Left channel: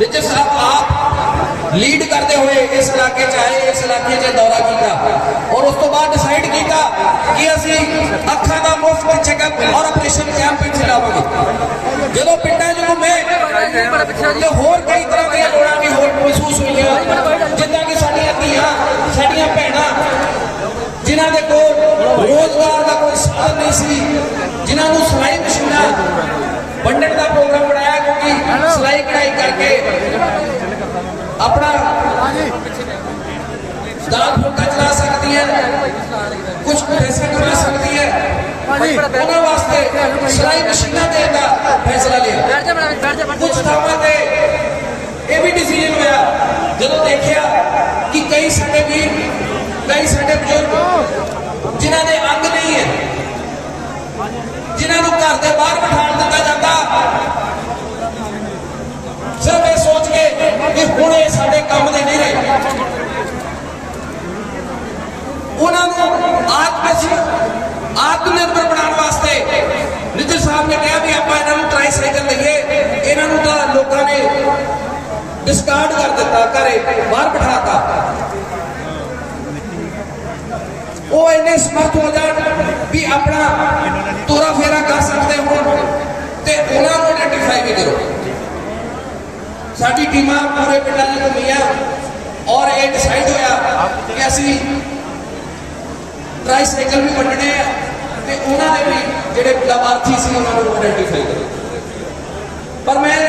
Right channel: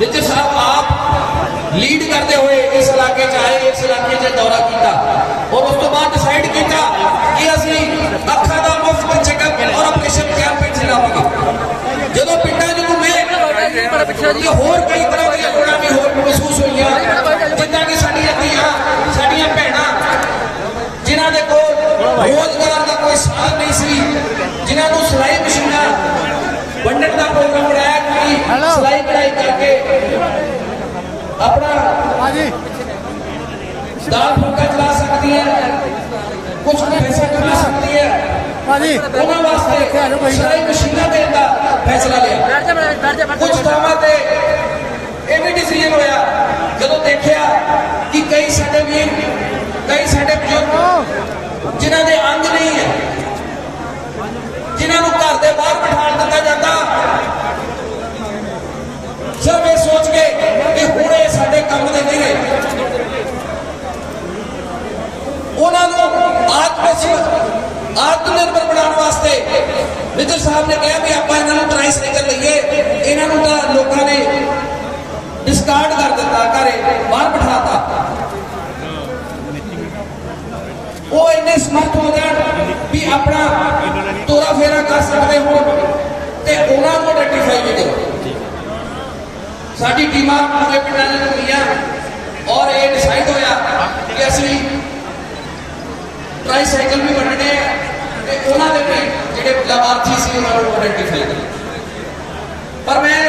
निज्जर साहब आप लीड करते हुए इस इलाके च आए, इस इलाके च दौरा किया और उस तो बाद डिसाइड किया कि असी अखा का मुफ्त चेकअप और ऑपरेशन कैंप चलावांगे। जो पिंडा च घूमे तो होर कई तरह की लोड़ां भी होर महसूस हुई, जिद्दां कि साडियां धीआं साडियां भैणां जिन्हां दे कोल रोजगार का कोई साधन नहीं सी, जिन्हां नूं सिलाई मशीनां वंडण का प्रोग्राम बनाया कि सिलाई कढ़ाई करके अपना दाल फुल्का चला सकती है, कुछ पैसा कमा सकती है, उन्होंने वास्ते सिलाई मशीना देने का फैसला लिया। कुछ थावां ते यह भी डिसीजन होया जदों देखिया कि कई साडे वीर कई साडे बुजुर्ग जिन्हां दे अंग नहीं है, जिन्हां नूं घर दे बाहर बिठा दिता जाता, सिर्फ ये सोच के कि हुण ये साडे काम दे नहीं रहे, उन्होंने आत्मनिर्भर बनाने वास्ते निज्जर साहब ने कहा भी आप इन्होंने ट्राई साइकिल लीए, इन्होंने तो लोगों ने डिस्कार्ड कर दिता, घरे बाहर बिठाता। वो इन्ने समर्थ हो गए भी अपना तोरा फेरा कर सकते हो तो उन्होंने आइडेंटिफाई भी करो। साडी टीमां पूरे पिंडां च घूमियां और ये डिसाइड होया कि असीं ट्राई साइकिल भी वंडने ते उन्होंने भी जिहड़े लाभार्थी सी उन्होंने आइडेंटिफाई करो। पर मैं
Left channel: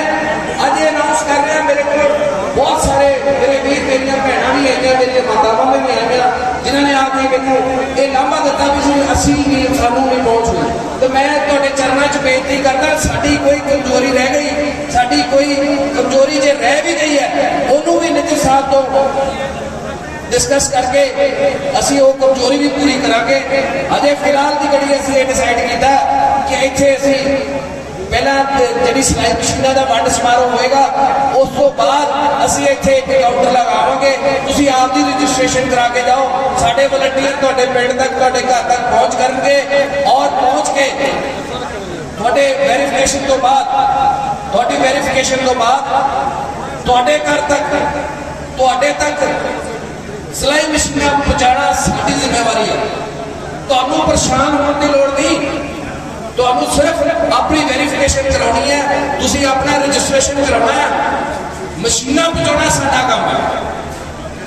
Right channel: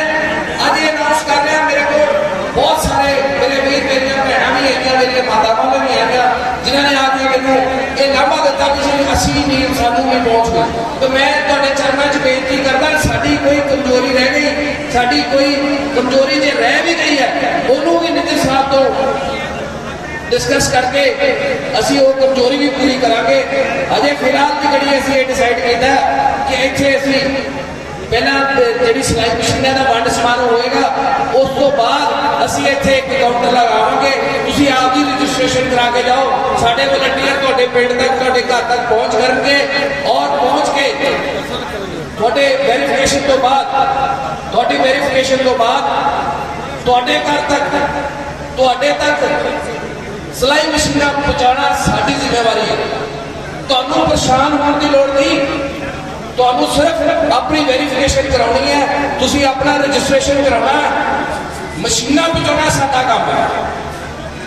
अज ये अनाउंस कर रहा, मेरे को बहुत सारे मेरे वीर मेरिया भैणां भी आईयां, मेरिया मातावां भी आईयां जिन्होंने आके मैनूं ये लाभा दिता कि असीं भी सानूं भी पहुंच गई। तो मैं तुहाडे चरणों च बेनती करदा, साडी कोई कमजोरी रह गई, साडी कोई कमजोरी जे रह भी गई है उन्होंने भी निज्जर साहब तो डिस्कस करके असी वो कमजोरी भी पूरी करांगे। अजे फिलहाल की घड़ी असी ये डिसाइड किया कि इत्थे असी पहला जी सिलाई मशीनों का वंड समारोह होएगा, उस तो बाद असी इत्थे एक काउंटर लगावांगे, तुसीं आप दी रजिस्ट्रेशन करा के जाओ, साडे वलंटियर तुहाडे पिंड तक तुहाडे घर तक पहुंच करनगे और पहुंच के तुहाडे वेरीफिकेशन तो बाद तुहाडी वेरीफिकेशन तो बाद तुहाडे घर तक सिलाई मशीन पहुंचाना साडी जिम्मेवारी है। तुहानूं परेशान होने की लोड़ नहीं, तुहानूं सिर्फ अपनी वेरीफिकेशन करानी है, तुसीं अपना रजिस्ट्रेशन करवाना है, मशीनां पहुंचाना साडा काम है।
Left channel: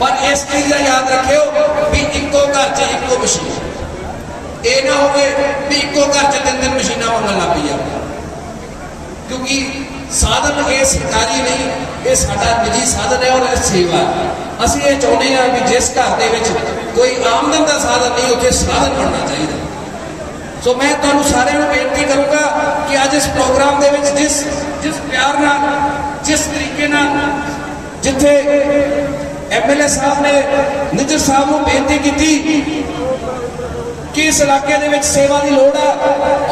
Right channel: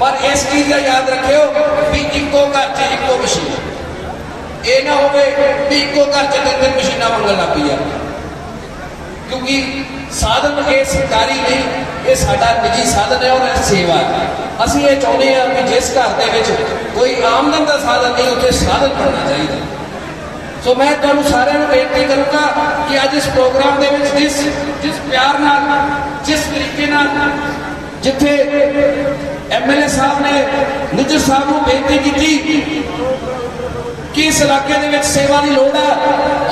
पर इस चीज़ का याद रखियो भी इक्को घर च इक्को मशीन, ये ना होवे भी इक्को घर च तीन मशीनां मंगण लग पई जाण, क्योंकि साधन ये सरकारी नहीं, ये साडा निजी साधन है और सेवा है। असीं ये चाहुंदे हां कि जिस घर दे विच कोई आमदन का साधन नहीं, उत्थे साधन बनना चाहिए। सो मैं तुहानूं सारिआं नूं बेनती करूंगा कि अज इस प्रोग्राम दे विच जिस प्यार नाल जिस तरीके नाल जिथे MLA साहब ने निज्जर साहब नूं बेनती की कि इस इलाके दे विच सेवा की लोड़ है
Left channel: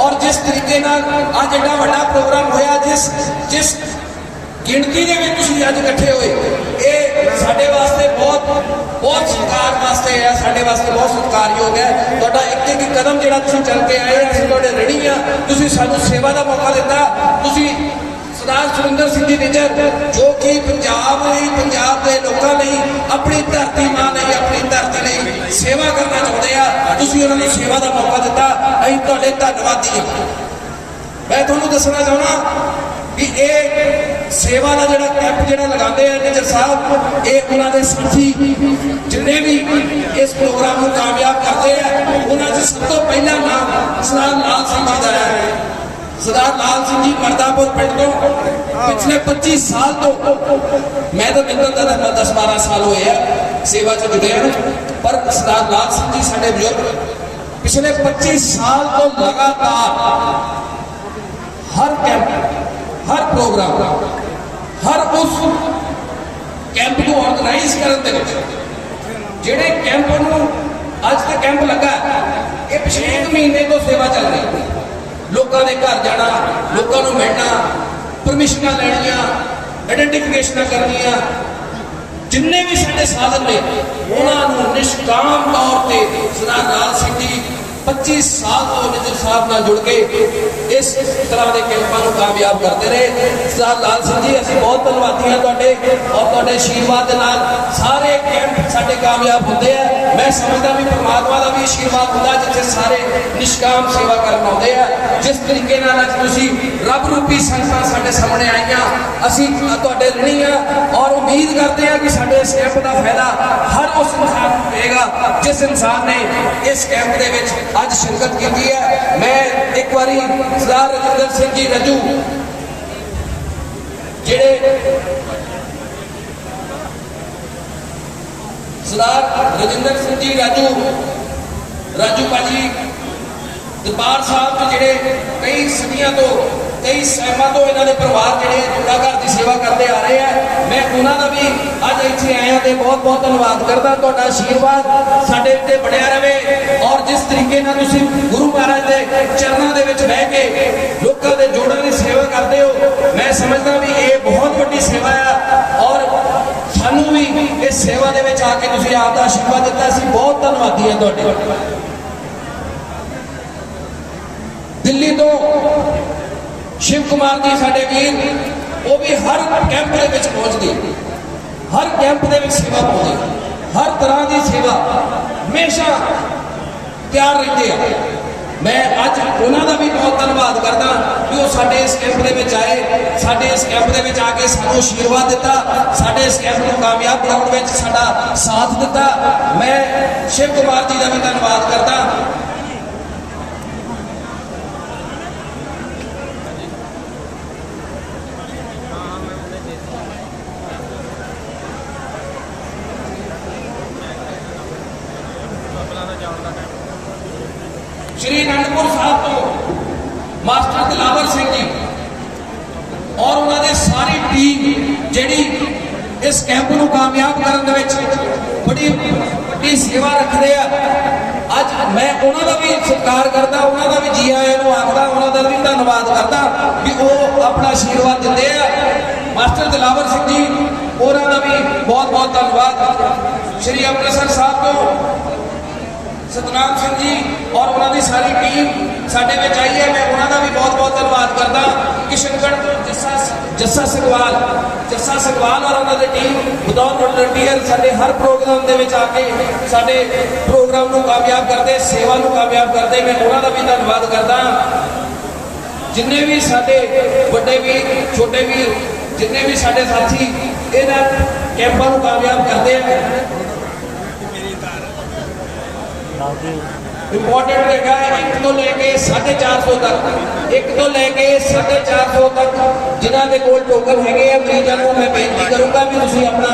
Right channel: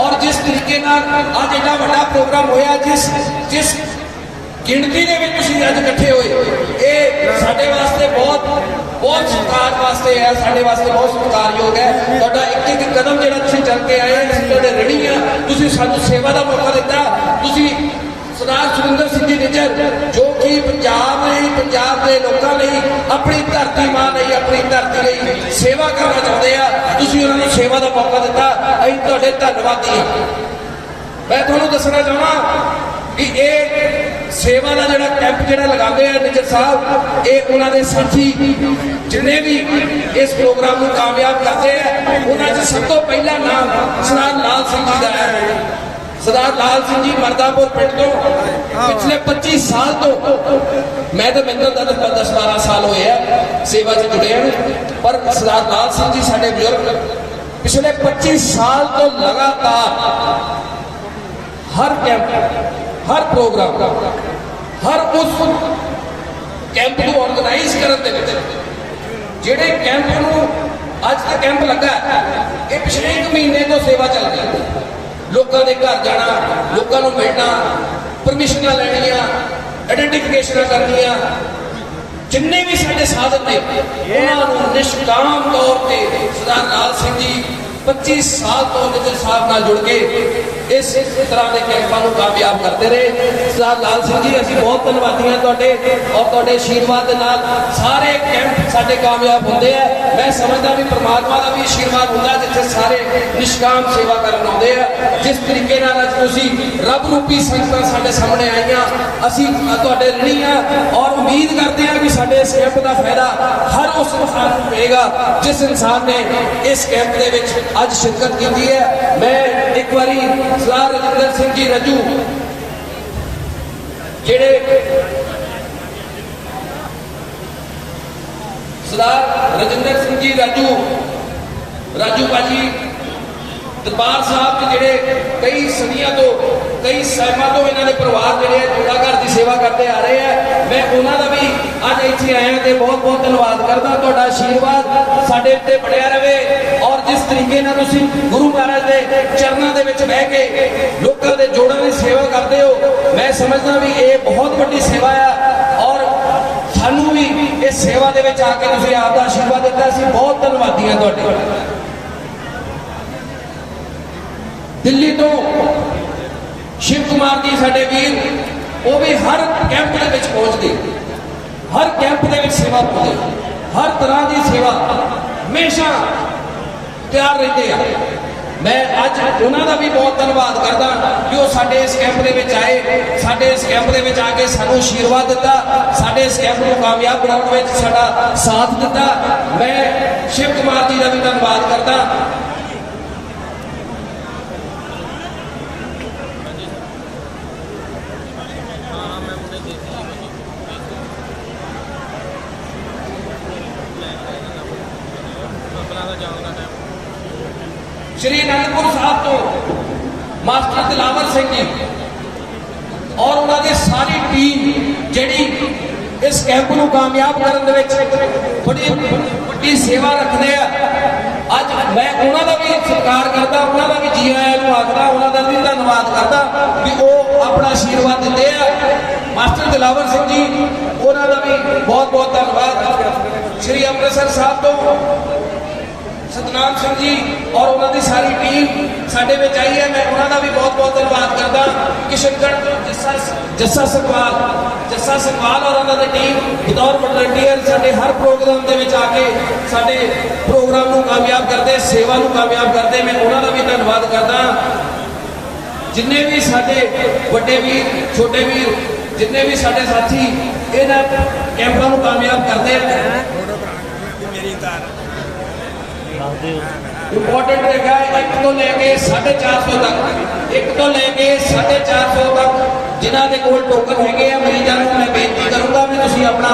और जिस तरीके नाल अज एडा वड्डा प्रोग्राम होया, जिस गिणती दे विच तुसीं अज इकट्ठे होए, ये साडे वास्ते बहुत सत्कार वास्ते है, साडे वास्ते बहुत सत्कारयोग है। तुहाडा एक एक कदम जिहड़ा तुसीं चल के आए, असीं तुहाडे ऋणी हां, तुसीं सानूं सेवा का मौका दिता। तुसीं सरदार सुरिंदर सिंह जी निज्जर जो कि पंजाब लई पंजाब के लोगों लई अपनी धरती मां लई अपनी धरती लई सेवा करना चाहते हैं, तुसीं उन्हां नूं सेवा का मौका दिता, असीं तुहाडे धन्नवादी हां। मैं तुहानूं दसना चाहना कि ये सेवा का जो कैंप जो लगाते हैं निज्जर साहब, ये उन्होंने साथी जिन्हें भी इस प्रोग्राम को कामयाब करते हैं, उन्होंने सब तो पहला नाम सरदार लाल सिंह जी का है। सरदार लाल सिंह जी मरदापुर पिंड तो पिछले 25 साल तो मैं तो मिलता था 10-12 साल हुए हैं सेवा से जुड़े हैं, पर सरदार लाल सिंह जी साडे बुजुर्ग पिछले 25 साल तो लगातार हर कैंप हर प्रोग्राम हर उस कैंप को ऑर्गेनाइज करने जेडे कैंप अज के कैंप लगा ये पिछले 1 महीने तो सेवा चल रही है। लोगों के घर जाना, लोगों को मिलना, परमिशन लैनिया, आइडेंटिफिकेशन करनिया, जिन्ने भी साडे साधन ने उन्होंने निष्काम तौर पर सरदार लाल सिंह जी 25 साल तो निज्जर साहब नाल जुड़ के इस तरह के कैंपों को कामयाब करते रहे। सरदार लाल सिंह जी असीं बहुत धन्नवादी हाँ तुहाडे और तुहाडे आशीर्वाद दे नाल सारे कैंप साडे कामयाब होंदे आ। मैं समझदा भी परमात्मा का भी आशीर्वाद होंदा जिथे सारे निष्काम सेवा करन आउंदे आ। जिस तरीके नाल अज तुसीं रब रूपी संगतां साडे सामने आईआं असीं तुहाडे ऋणी आ और उम्मीद करते हैं कि साडे इस कैंप का फायदा हर उस इंसान को मिलेगा जिस इंसान ने इस कैंप दे विच अज शिरकत की है। मैं एक बारी सरदार रजिंदर सिंह जी रजू जेड़े सरदार रजिंदर सिंह जी राजू भाजी दरबार साहब के जेड़े कई सदियों तो कई सालों तो इन्होंने परिवार जेड़े जोड़ा घर की सेवा करते आ रहे हैं। मैं उन्होंने भी अज इत्थे आया तो बहुत बहुत धन्यवाद करता। तुहाडा आशीर्वाद साडे उत्ते बनया रहे और जिस तरीके नाल तुसीं गुरु महाराज के चरणों के विच बह के लोकां दे जोड़ां की सेवा करते हो, मैं समझदा भी ये बहुत बड़ी सेवा है और सानू भी इस सेवा दे विच आके तुसीं आप दा आशीर्वाद दिता। असीं बहुत धन्नवादी हां तुहाडे। दिल्ली तो शिव कुमार जी साडे वीर वो भी हर कैंप के विच पहुंचते, हर कैंप के विच सेवा पाउंदे, हर तरह की सेवा हमेशा तैयार रहते हैं। मैं अज उन्होंने भी बहुत धन्यवाद करता कि वो साडे इस कैंप के विच आए, साडे इस कैंप के विच आके सानू आशीर्वाद दिता, साडे इस कैंप को कामयाब बनाउण विच साडा साथ दिता। मैं शिव कुमार जी का भी धन्यवाद करता। श्री अनंदपुर साहब तो मास्टर दिलावर सिंह जी और उन्होंने सारी टीम जिहड़ी इस कैंप को कामयाब करने में बड़ी बड़ी सेवा रखते हैं। अज मैं उन्होंने भी सत्कार करता, उन्होंने भी जी आया आखता, उन्होंने भी धन्यवाद करता कि वो अपना आशीर्वाद देते हैं। मास्टर दिलावर सिंह जी उन्होंने भी बहुत बहुत धन्यवाद। श्री अमृतसर साहब तो सतनाम सिंह जी और उन्होंने सारी टीम साडे विच आई है। मैं उन्होंने भी बहुत बहुत धन्यवाद करता। किशनगढ़ जस्सा संगवाल और उन्होंने टीम विदाउट वॉलंटियर साडे हर प्रोग्राम के विच आके साडे प्रोग्राम को कामयाब करते, सेवा को कामयाब करते। मैं उन्होंने भी धन्यवाद करता। जिन्ने भी साडे बड़े वीर छोटे वीर जिन्ने भी साडे साथी इन्हां कैंपां को कामयाब करते हैं। इंपॉर्टेंट रहेगा 1 तो लेके 450 तक, 1 तो लेके 450 तक जिन्हों के कोल टोकन है मरीजों को मैं बेनती करूंगा भी तुम अपना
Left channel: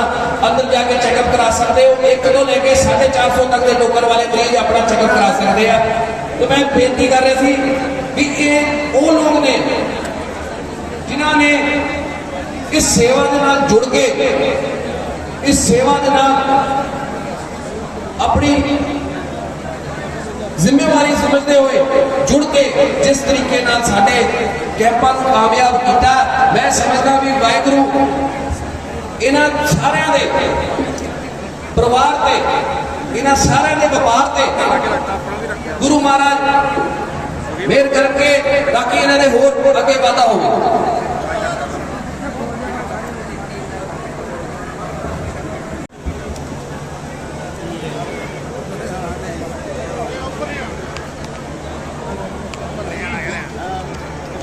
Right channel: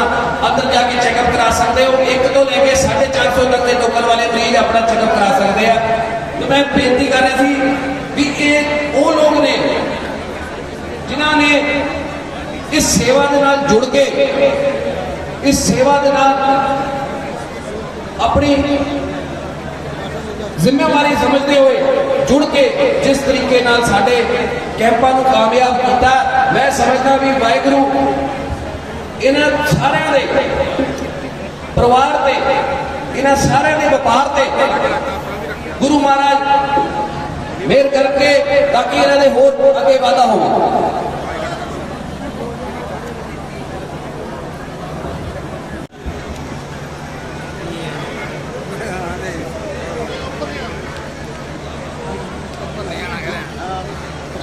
अंदर जाके चेकअप करा सकते हो। 1 तो लेके 450 तक के टोकन वाले मरीज अपना चेकअप करा सकते हैं। तो मैं बेनती कर रही थी भी ये वो लोग ने जिन्होंने इस सेवा के नाल जुड़ के इस सेवा के नाल अपनी जिम्मेवारी समझते हुए जुड़ के जिस तरीके नाल साडे कैंपां नूं कामयाब किया, मैं समझदा भी वाहिगुरू इन्हां सारिआं दे परिवार ते इन्हां सारिआं दे व्यापार ते गुरु महाराज मेहर करके ताकि इन्हां दे होर अगे वाधा होवे।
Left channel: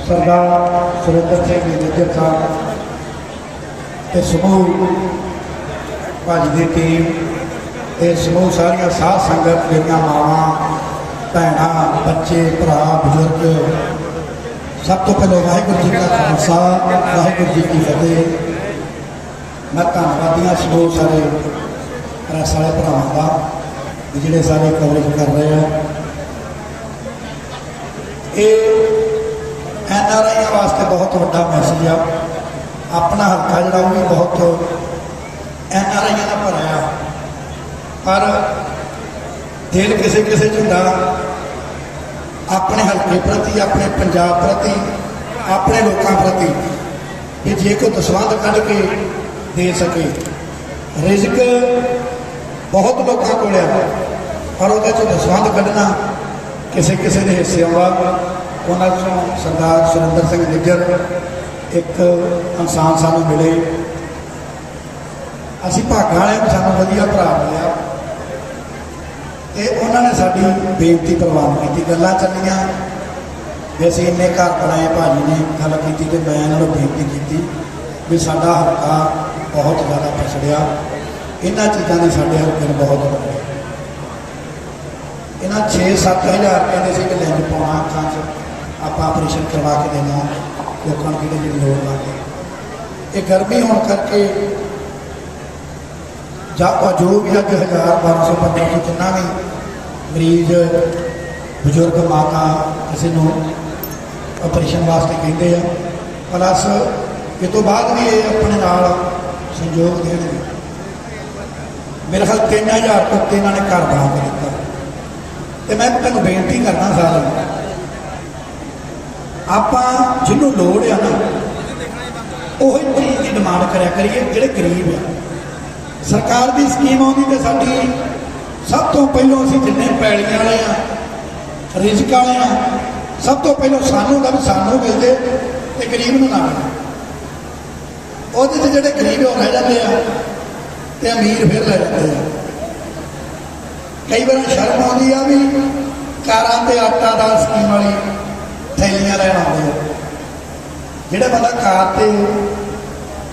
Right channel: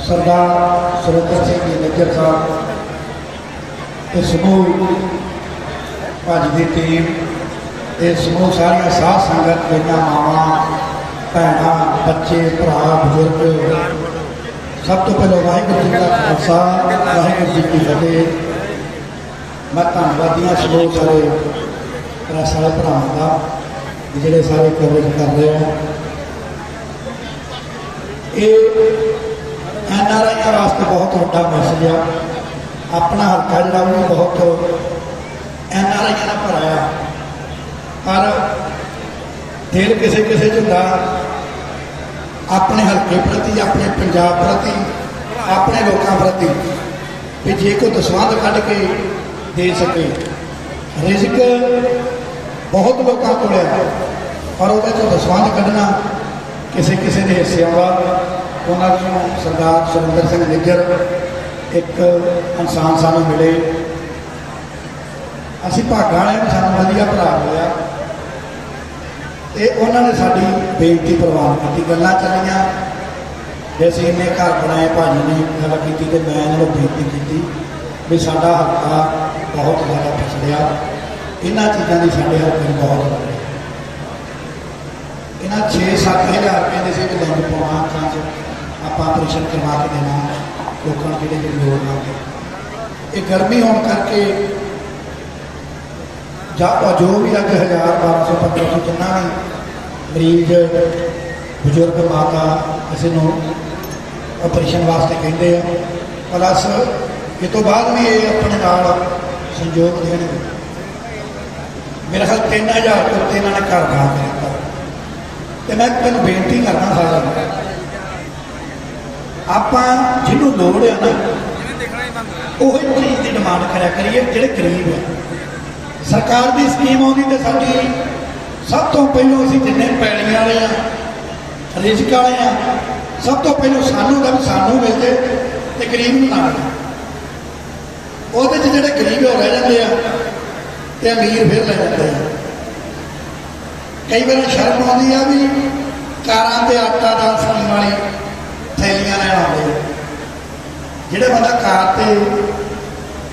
सरदार सुरेंद्र सिंह जी निज्जर साहब ते समूह भाजी की टीम ये समूह सारिया साध संगत मेरिया मावां भैणां बच्चे भरा बुजुर्ग सब तो पहले वाहिगुरू जी का खालसा वाहिगुरू जी की फतेह। मैं धन्नवादियां समूह सारे प्रेस वाले भरावां का जिहड़े सारे कवरेज कर रहे हैं। ये NRI वास्ते बहुत बड़ा मैसेज है। अपना हल्का जोड़ा भी बहुत NRI का भराया पर दिल किसी किसी होंदा अपने हल्के प्रति अपने पंजाब प्रति अपने लोगों प्रति भी जे कोई दसवंध कढ़ के दे सके। रिजक बहुत लोगों को पर वो दसवंध कढ़ना किसी किसी के हिस्से आउंदा ਉਹਨਾਂ ਚੋਂ ਸਰਦਾਰ ਸੁਰਿੰਦਰ ਸਿੰਘ ਨਿੱਜਰ ਇੱਕ ਇਨਸਾਨ ਸਾਨੂੰ ਮਿਲੇ। ਅਸੀਂ ਭਾਗਾਂ ਵਾਲਿਆਂ ਨੂੰ ਸਾਨੂੰ ਵਧੀਆ ਭਰਾ ਮਿਲਿਆ ਤੇ ਉਹਨਾਂ ਨੇ ਸਾਡੀ ਬੇਨਤੀ ਪ੍ਰਵਾਨ ਕੀਤੀ। ਗੱਲਾਂ ਚੱਲੀਆਂ ਵੀ ਅਸੀਂ ਇੰਨੇ ਘਰ ਬਣਾਏ, ਭਾਜੀ ਨੇ ਗੱਲ ਕੀਤੀ ਤੇ ਮੈਂ ਉਹਨਾਂ ਨੂੰ ਬੇਨਤੀ ਕੀਤੀ ਵੀ ਸਾਡਾ ਹਲਕਾ ਬਹੁਤ ਜ਼ਿਆਦਾ ਪਛੜਿਆ, ਇਹਨਾਂ ਚੀਜ਼ਾਂ ਦੀ ਸਾਡੇ ਹਲਕੇ ਨੂੰ ਬਹੁਤ ਲੋੜ ਹੈ। ਇਹਨਾਂ 6-7 ਹਜ਼ਾਰ ਕਹਿੰਦੇ ਸੀ ਕਿ ਲਿੰਗ ਪਾਉਣਾ ਅੱਖਾਂ 'ਚ, ਆਪਾਂ ਆਪਰੇਸ਼ਨ ਕਰਵਾ ਕੇ ਦੇਣਾ ਲੋਕਾਂ ਨੂੰ ਕਿਤੇ ਜਿਹੜੀ ਲੋੜ ਨਾ ਪਏ। ਇਹ ਗਰਮੀ ਹੋਣ ਕਰਕੇ ਜਾਂ ਜੋ ਵੀ ਅੱਜ 1500 ਤੋਂ ਜਿੰਨਾ ਵੀ ਮਰੀਜ਼ ਬਜ਼ੁਰਗ ਮਾਤਾ ਕਿਸੇ ਨੂੰ ਆਪਰੇਸ਼ਨ ਵਾਸਤੇ ਕਹਿੰਦੇ ਆ, ਪਲੱਸ ਇਹ ਤੋਂ ਬਾਅਦ ਵੀ ਇਹ ਆਪਣੇ ਨਾਲ ਸੰਯੋਗ ਦੇਣਗੇ। ਮੇਰੇ ਖਿਆਲ 3000 ਤੋਂ ਉੱਤੇ ਇਹਨਾਂ ਨੇ ਘਰ ਦਾਨ ਦਿੱਤਾ ਤੇ ਮੈਂ ਤੁਹਾਨੂੰ ਬੇਨਤੀ ਕਰਨਾ ਸਾਰਿਆਂ ਨੂੰ, ਆਪਾਂ ਜਿਹਨੂੰ ਲੋੜ ਆ ਨਾ ਉਹੀ ਚੀਜ਼ ਦੀ ਡਿਮਾਂਡ ਕਰਿਆ ਕਰੀਏ। ਜਿਹੜੇ ਗਰੀਬ ਆ, ਸਰਕਾਰ ਦੀ ਸਕੀਮ ਆਉਂਦੀ ਤੇ ਸਾਡੀ ਸਭ ਤੋਂ ਪਹਿਲਾਂ ਅਸੀਂ ਜਿੰਨੇ ਪੈਲੀਆਂ ਵਾਲੇ ਆ, ਰਿਜ਼ਕ ਵਾਲੇ ਆ, ਸਭ ਤੋਂ ਪਹਿਲਾਂ ਸਾਨੂੰ ਦਾ ਵੀ ਸਾਨੂੰ ਮਿਲਦੇ ਤੇ ਗਰੀਬ ਨੂੰ ਨਾ ਮਿਲੇ। ਉਹਦੇ 'ਚ ਜਿਹੜੇ ਗਰੀਬ ਹੋ ਰਹਿ ਜਾਂਦੇ ਆ ਤੇ ਅਮੀਰ ਫਿਰ ਲੈ ਜਾਂਦੇ ਆ। ਕਈ ਵਾਰ ਸ਼ਰਮ ਆਉਂਦੀ ਆ ਵੀ ਕਾਰਾਂ ਤੇ ਆਟਾ ਦਾਲ ਸਕੀਮ ਵਾਲੀ ਥੈਲੀਆਂ ਲੈਣ ਆਉਂਦੇ ਆ। ਜਿਹੜਾ ਬੰਦਾ ਕਾਰ ਤੇ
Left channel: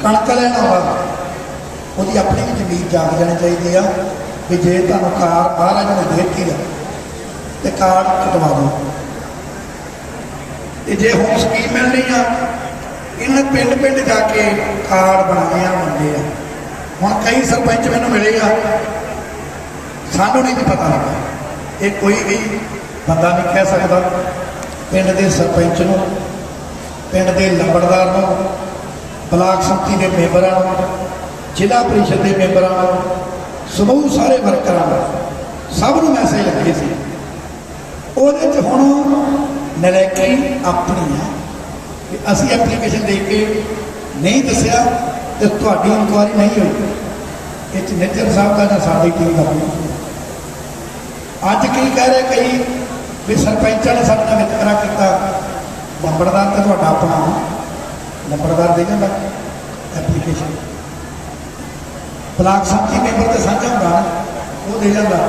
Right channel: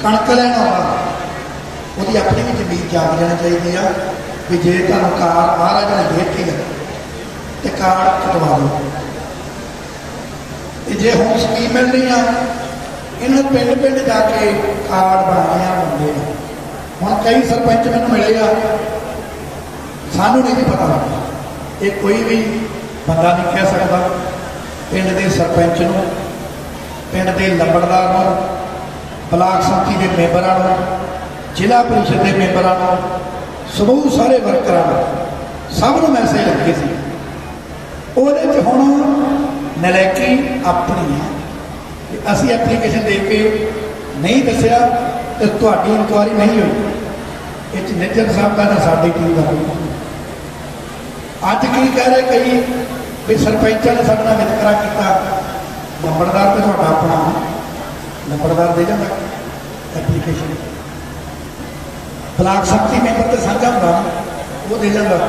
ਕਣਕ ਲੈਣ ਆਉਂਦਾ ਉਹਦੀ ਆਪਣੀ ਵੀ ਜ਼ਮੀਨ ਜਾਗ ਜਾਣੀ ਚਾਹੀਦੀ ਆ ਵੀ ਜੇ ਤੁਹਾਨੂੰ ਕਾਰ ਮਹਾਰਾਜ ਨੇ ਦੇਤੀ ਆ ਤੇ ਕਾਰ ਕਟਵਾ ਲਓ। ਤੇ ਜੇ ਹੁਣ ਸਕੀਮ ਮਿਲਣੀ ਆ, ਇਹਨਾਂ ਪਿੰਡ ਜਾ ਕੇ ਕਾਰਡ ਬਣਾਏ ਆ ਬੰਦੇ ਆ। ਹੁਣ ਕਈ ਸਰਪੰਚ ਮੈਨੂੰ ਮਿਲੇਗਾ, ਸਾਨੂੰ ਨਹੀਂ ਪਤਾ ਲੱਗਾ। ਇਹ ਕੋਈ ਵੀ ਬੰਦਾ ਨਹੀਂ ਕਹਿ ਸਕਦਾ ਪਿੰਡ ਦੇ ਸਰਪੰਚ ਨੂੰ, ਪਿੰਡ ਦੇ ਲੰਬੜਦਾਰ ਨੂੰ, ਬਲਾਕ ਸੰਮਤੀ ਦੇ ਮੈਂਬਰਾਂ ਨੂੰ, ਜ਼ਿਲ੍ਹਾ ਪ੍ਰੀਸ਼ਦ ਦੇ ਮੈਂਬਰਾਂ ਨੂੰ, ਸਮੂਹ ਸਾਰੇ ਵਰਕਰਾਂ ਨੂੰ, ਸਭ ਨੂੰ ਮੈਸੇਜ ਲੱਗੇ ਸੀ। ਉਹਦੇ 'ਚ ਹੁਣ ਨਲਾਇਕੀ ਆਪਣੀ ਹੈ। ਅਸੀਂ ਐਪਲੀਕੇਸ਼ਨ ਦੇ ਕੇ ਨਹੀਂ ਦੱਸਿਆ ਤੇ ਤੁਹਾਡੀ ਇਨਕੁਆਇਰੀ ਨਹੀਂ ਹੋਈ। ਇਹ 'ਚ ਨਿੱਜਰ ਸਾਹਿਬ ਦਾ ਨਾ ਸਾਡੀ ਟੀਮ ਦਾ ਹੋਈ। ਅੱਜ ਕੀ ਕਹਿ ਰਹੇ ਕਈ ਵੀ ਸਰਪੰਚਾਂ ਨੇ ਸਾਡੇ ਨਾਲ ਵਿਤਕਰਾ ਕੀਤਾ। ਨੰਬਰਦਾਰ ਤੇ ਤੁਹਾਡਾ ਆਪਣਾ ਨੰਬਰਦਾਰ ਦੇ ਜਾਂਦਾ ਐਪਲੀਕੇਸ਼ਨ, ਬਲਾਕ ਸੰਮਤੀ ਮੈਂਬਰ ਤੇ ਸਾਂਝਾ ਹੁੰਦਾ ਉਹ ਦੇ ਜਾਂਦਾ।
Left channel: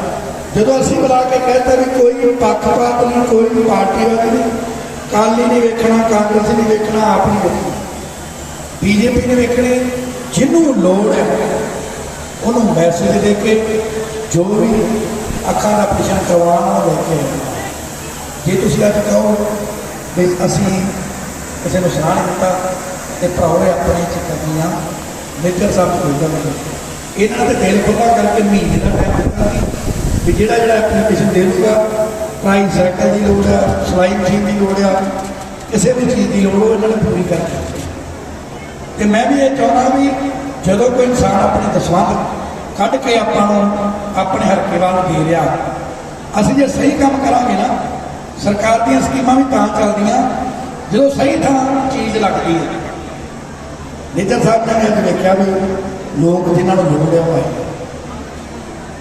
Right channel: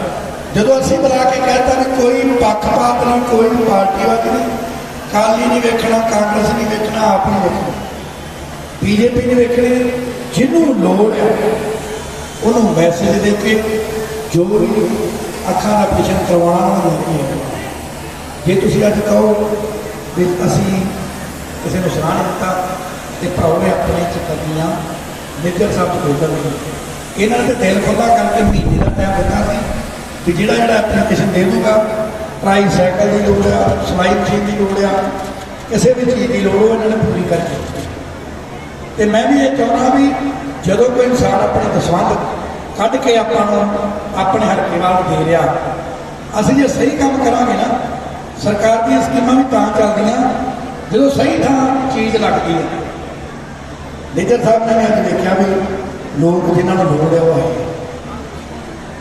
ਜਦੋਂ ਅਸੀਂ ਬੁਲਾ ਕੇ ਕਹਿਤਾ ਵੀ ਕੋਈ ਪੱਖਪਾਤ ਨਹੀਂ, ਕੋਈ ਪਾਰਟੀ ਵਾਲਾ ਨਹੀਂ, ਕਾਲੀ ਨਹੀਂ ਵੇਖਣਾ, ਕਾਂਗਰਸ ਨਹੀਂ ਵੇਖਣਾ, ਆਪ ਨਹੀਂ ਵੇਖਣਾ, ਬੀਜੇਪੀ ਨਹੀਂ ਵੇਖਣੀ, ਜਿਹਨੂੰ ਲੋੜ ਹੈ ਉਹਨੂੰ ਮੈਸੇਜ ਦੇ ਕੇ ਜੋ ਵੀ ਅੱਖਾਂ ਦਾ ਆਪਰੇਸ਼ਨ ਕਰਵਾਉਣਾ ਉਹ ਲੈ ਕੇ। ਜੇ ਤੁਸੀਂ ਅੱਜ ਕਹੋ ਵੀ ਅਸੀਂ ਕਿਸੇ ਨੂੰ ਸਲਾਹ ਨਹੀਂ ਦਿੱਤਾ ਤੇ ਭਾਉ ਨੇ ਆਪਣੇ 'ਚ ਕਰਨੀਆਂ ਨਿੱਜਰ ਸਾਹਿਬ ਨੂੰ ਭੇਜਣ। ਇਹਨਾਂ ਦੇ ਦਿਲ ਖੁੱਲ੍ਹਾ ਕਰਕੇ ਮਹੀਨੇ ਦਾ ਟਾਈਮ ਦਿੱਤਾ ਸੀ ਵੀ ਜਿਹੜਾ ਐਪਲੀਕੇਸ਼ਨ ਦੇ ਦੂਗਾ, ਪ੍ਰਾਈਸ ਸਾਈਕਲ ਦੀ ਲੋੜ ਆ, ਸਿਲਾਈ ਮਸ਼ੀਨ ਦੀ ਲੋੜ ਆ, ਕਿਸੇ ਵੀ ਚੀਜ਼ ਦੀ ਲੋੜ ਉਹ ਇਹਨਾਂ ਨੇ ਪੂਰੀ ਕਰਨੀ। ਤੇ ਮੈਂ ਵੀ ਇਹ ਚਾਹੁੰਦਾ ਵੀ ਜਦੋਂ ਕੋਈ ਇਨਸਾਨ ਆਪਣੀ ਦਸਵੰਧ ਕੱਢ ਕੇ ਆਪਾਂ ਨੂੰ ਆਪਣੇ ਹਲਕੇ ਵੱਲ ਦੇ ਰਿਹਾ, ਅਸੀਂ ਜੇ ਸਹੀ ਕੰਮ ਕਰਾਂਗੇ ਨਾ, ਸਰਕਾਰ ਦੀਆਂ ਸਕੀਮਾਂ ਵੀ ਤਾਂ ਚੱਲਦੀਆਂ ਜਦੋਂ ਸਹੀ ਥਾਂ ਚੀਜ਼ ਲੱਗਦੀ ਹੈ। ਨਿੱਜਰ ਸਾਹਿਬ ਨੇ ਅੱਜ ਵੇਖਿਆ ਵੀ ਲੋਕ ਜਿਨ੍ਹਾਂ ਨੂੰ ਲੋੜ ਹੈ ਉਹ ਆਏ,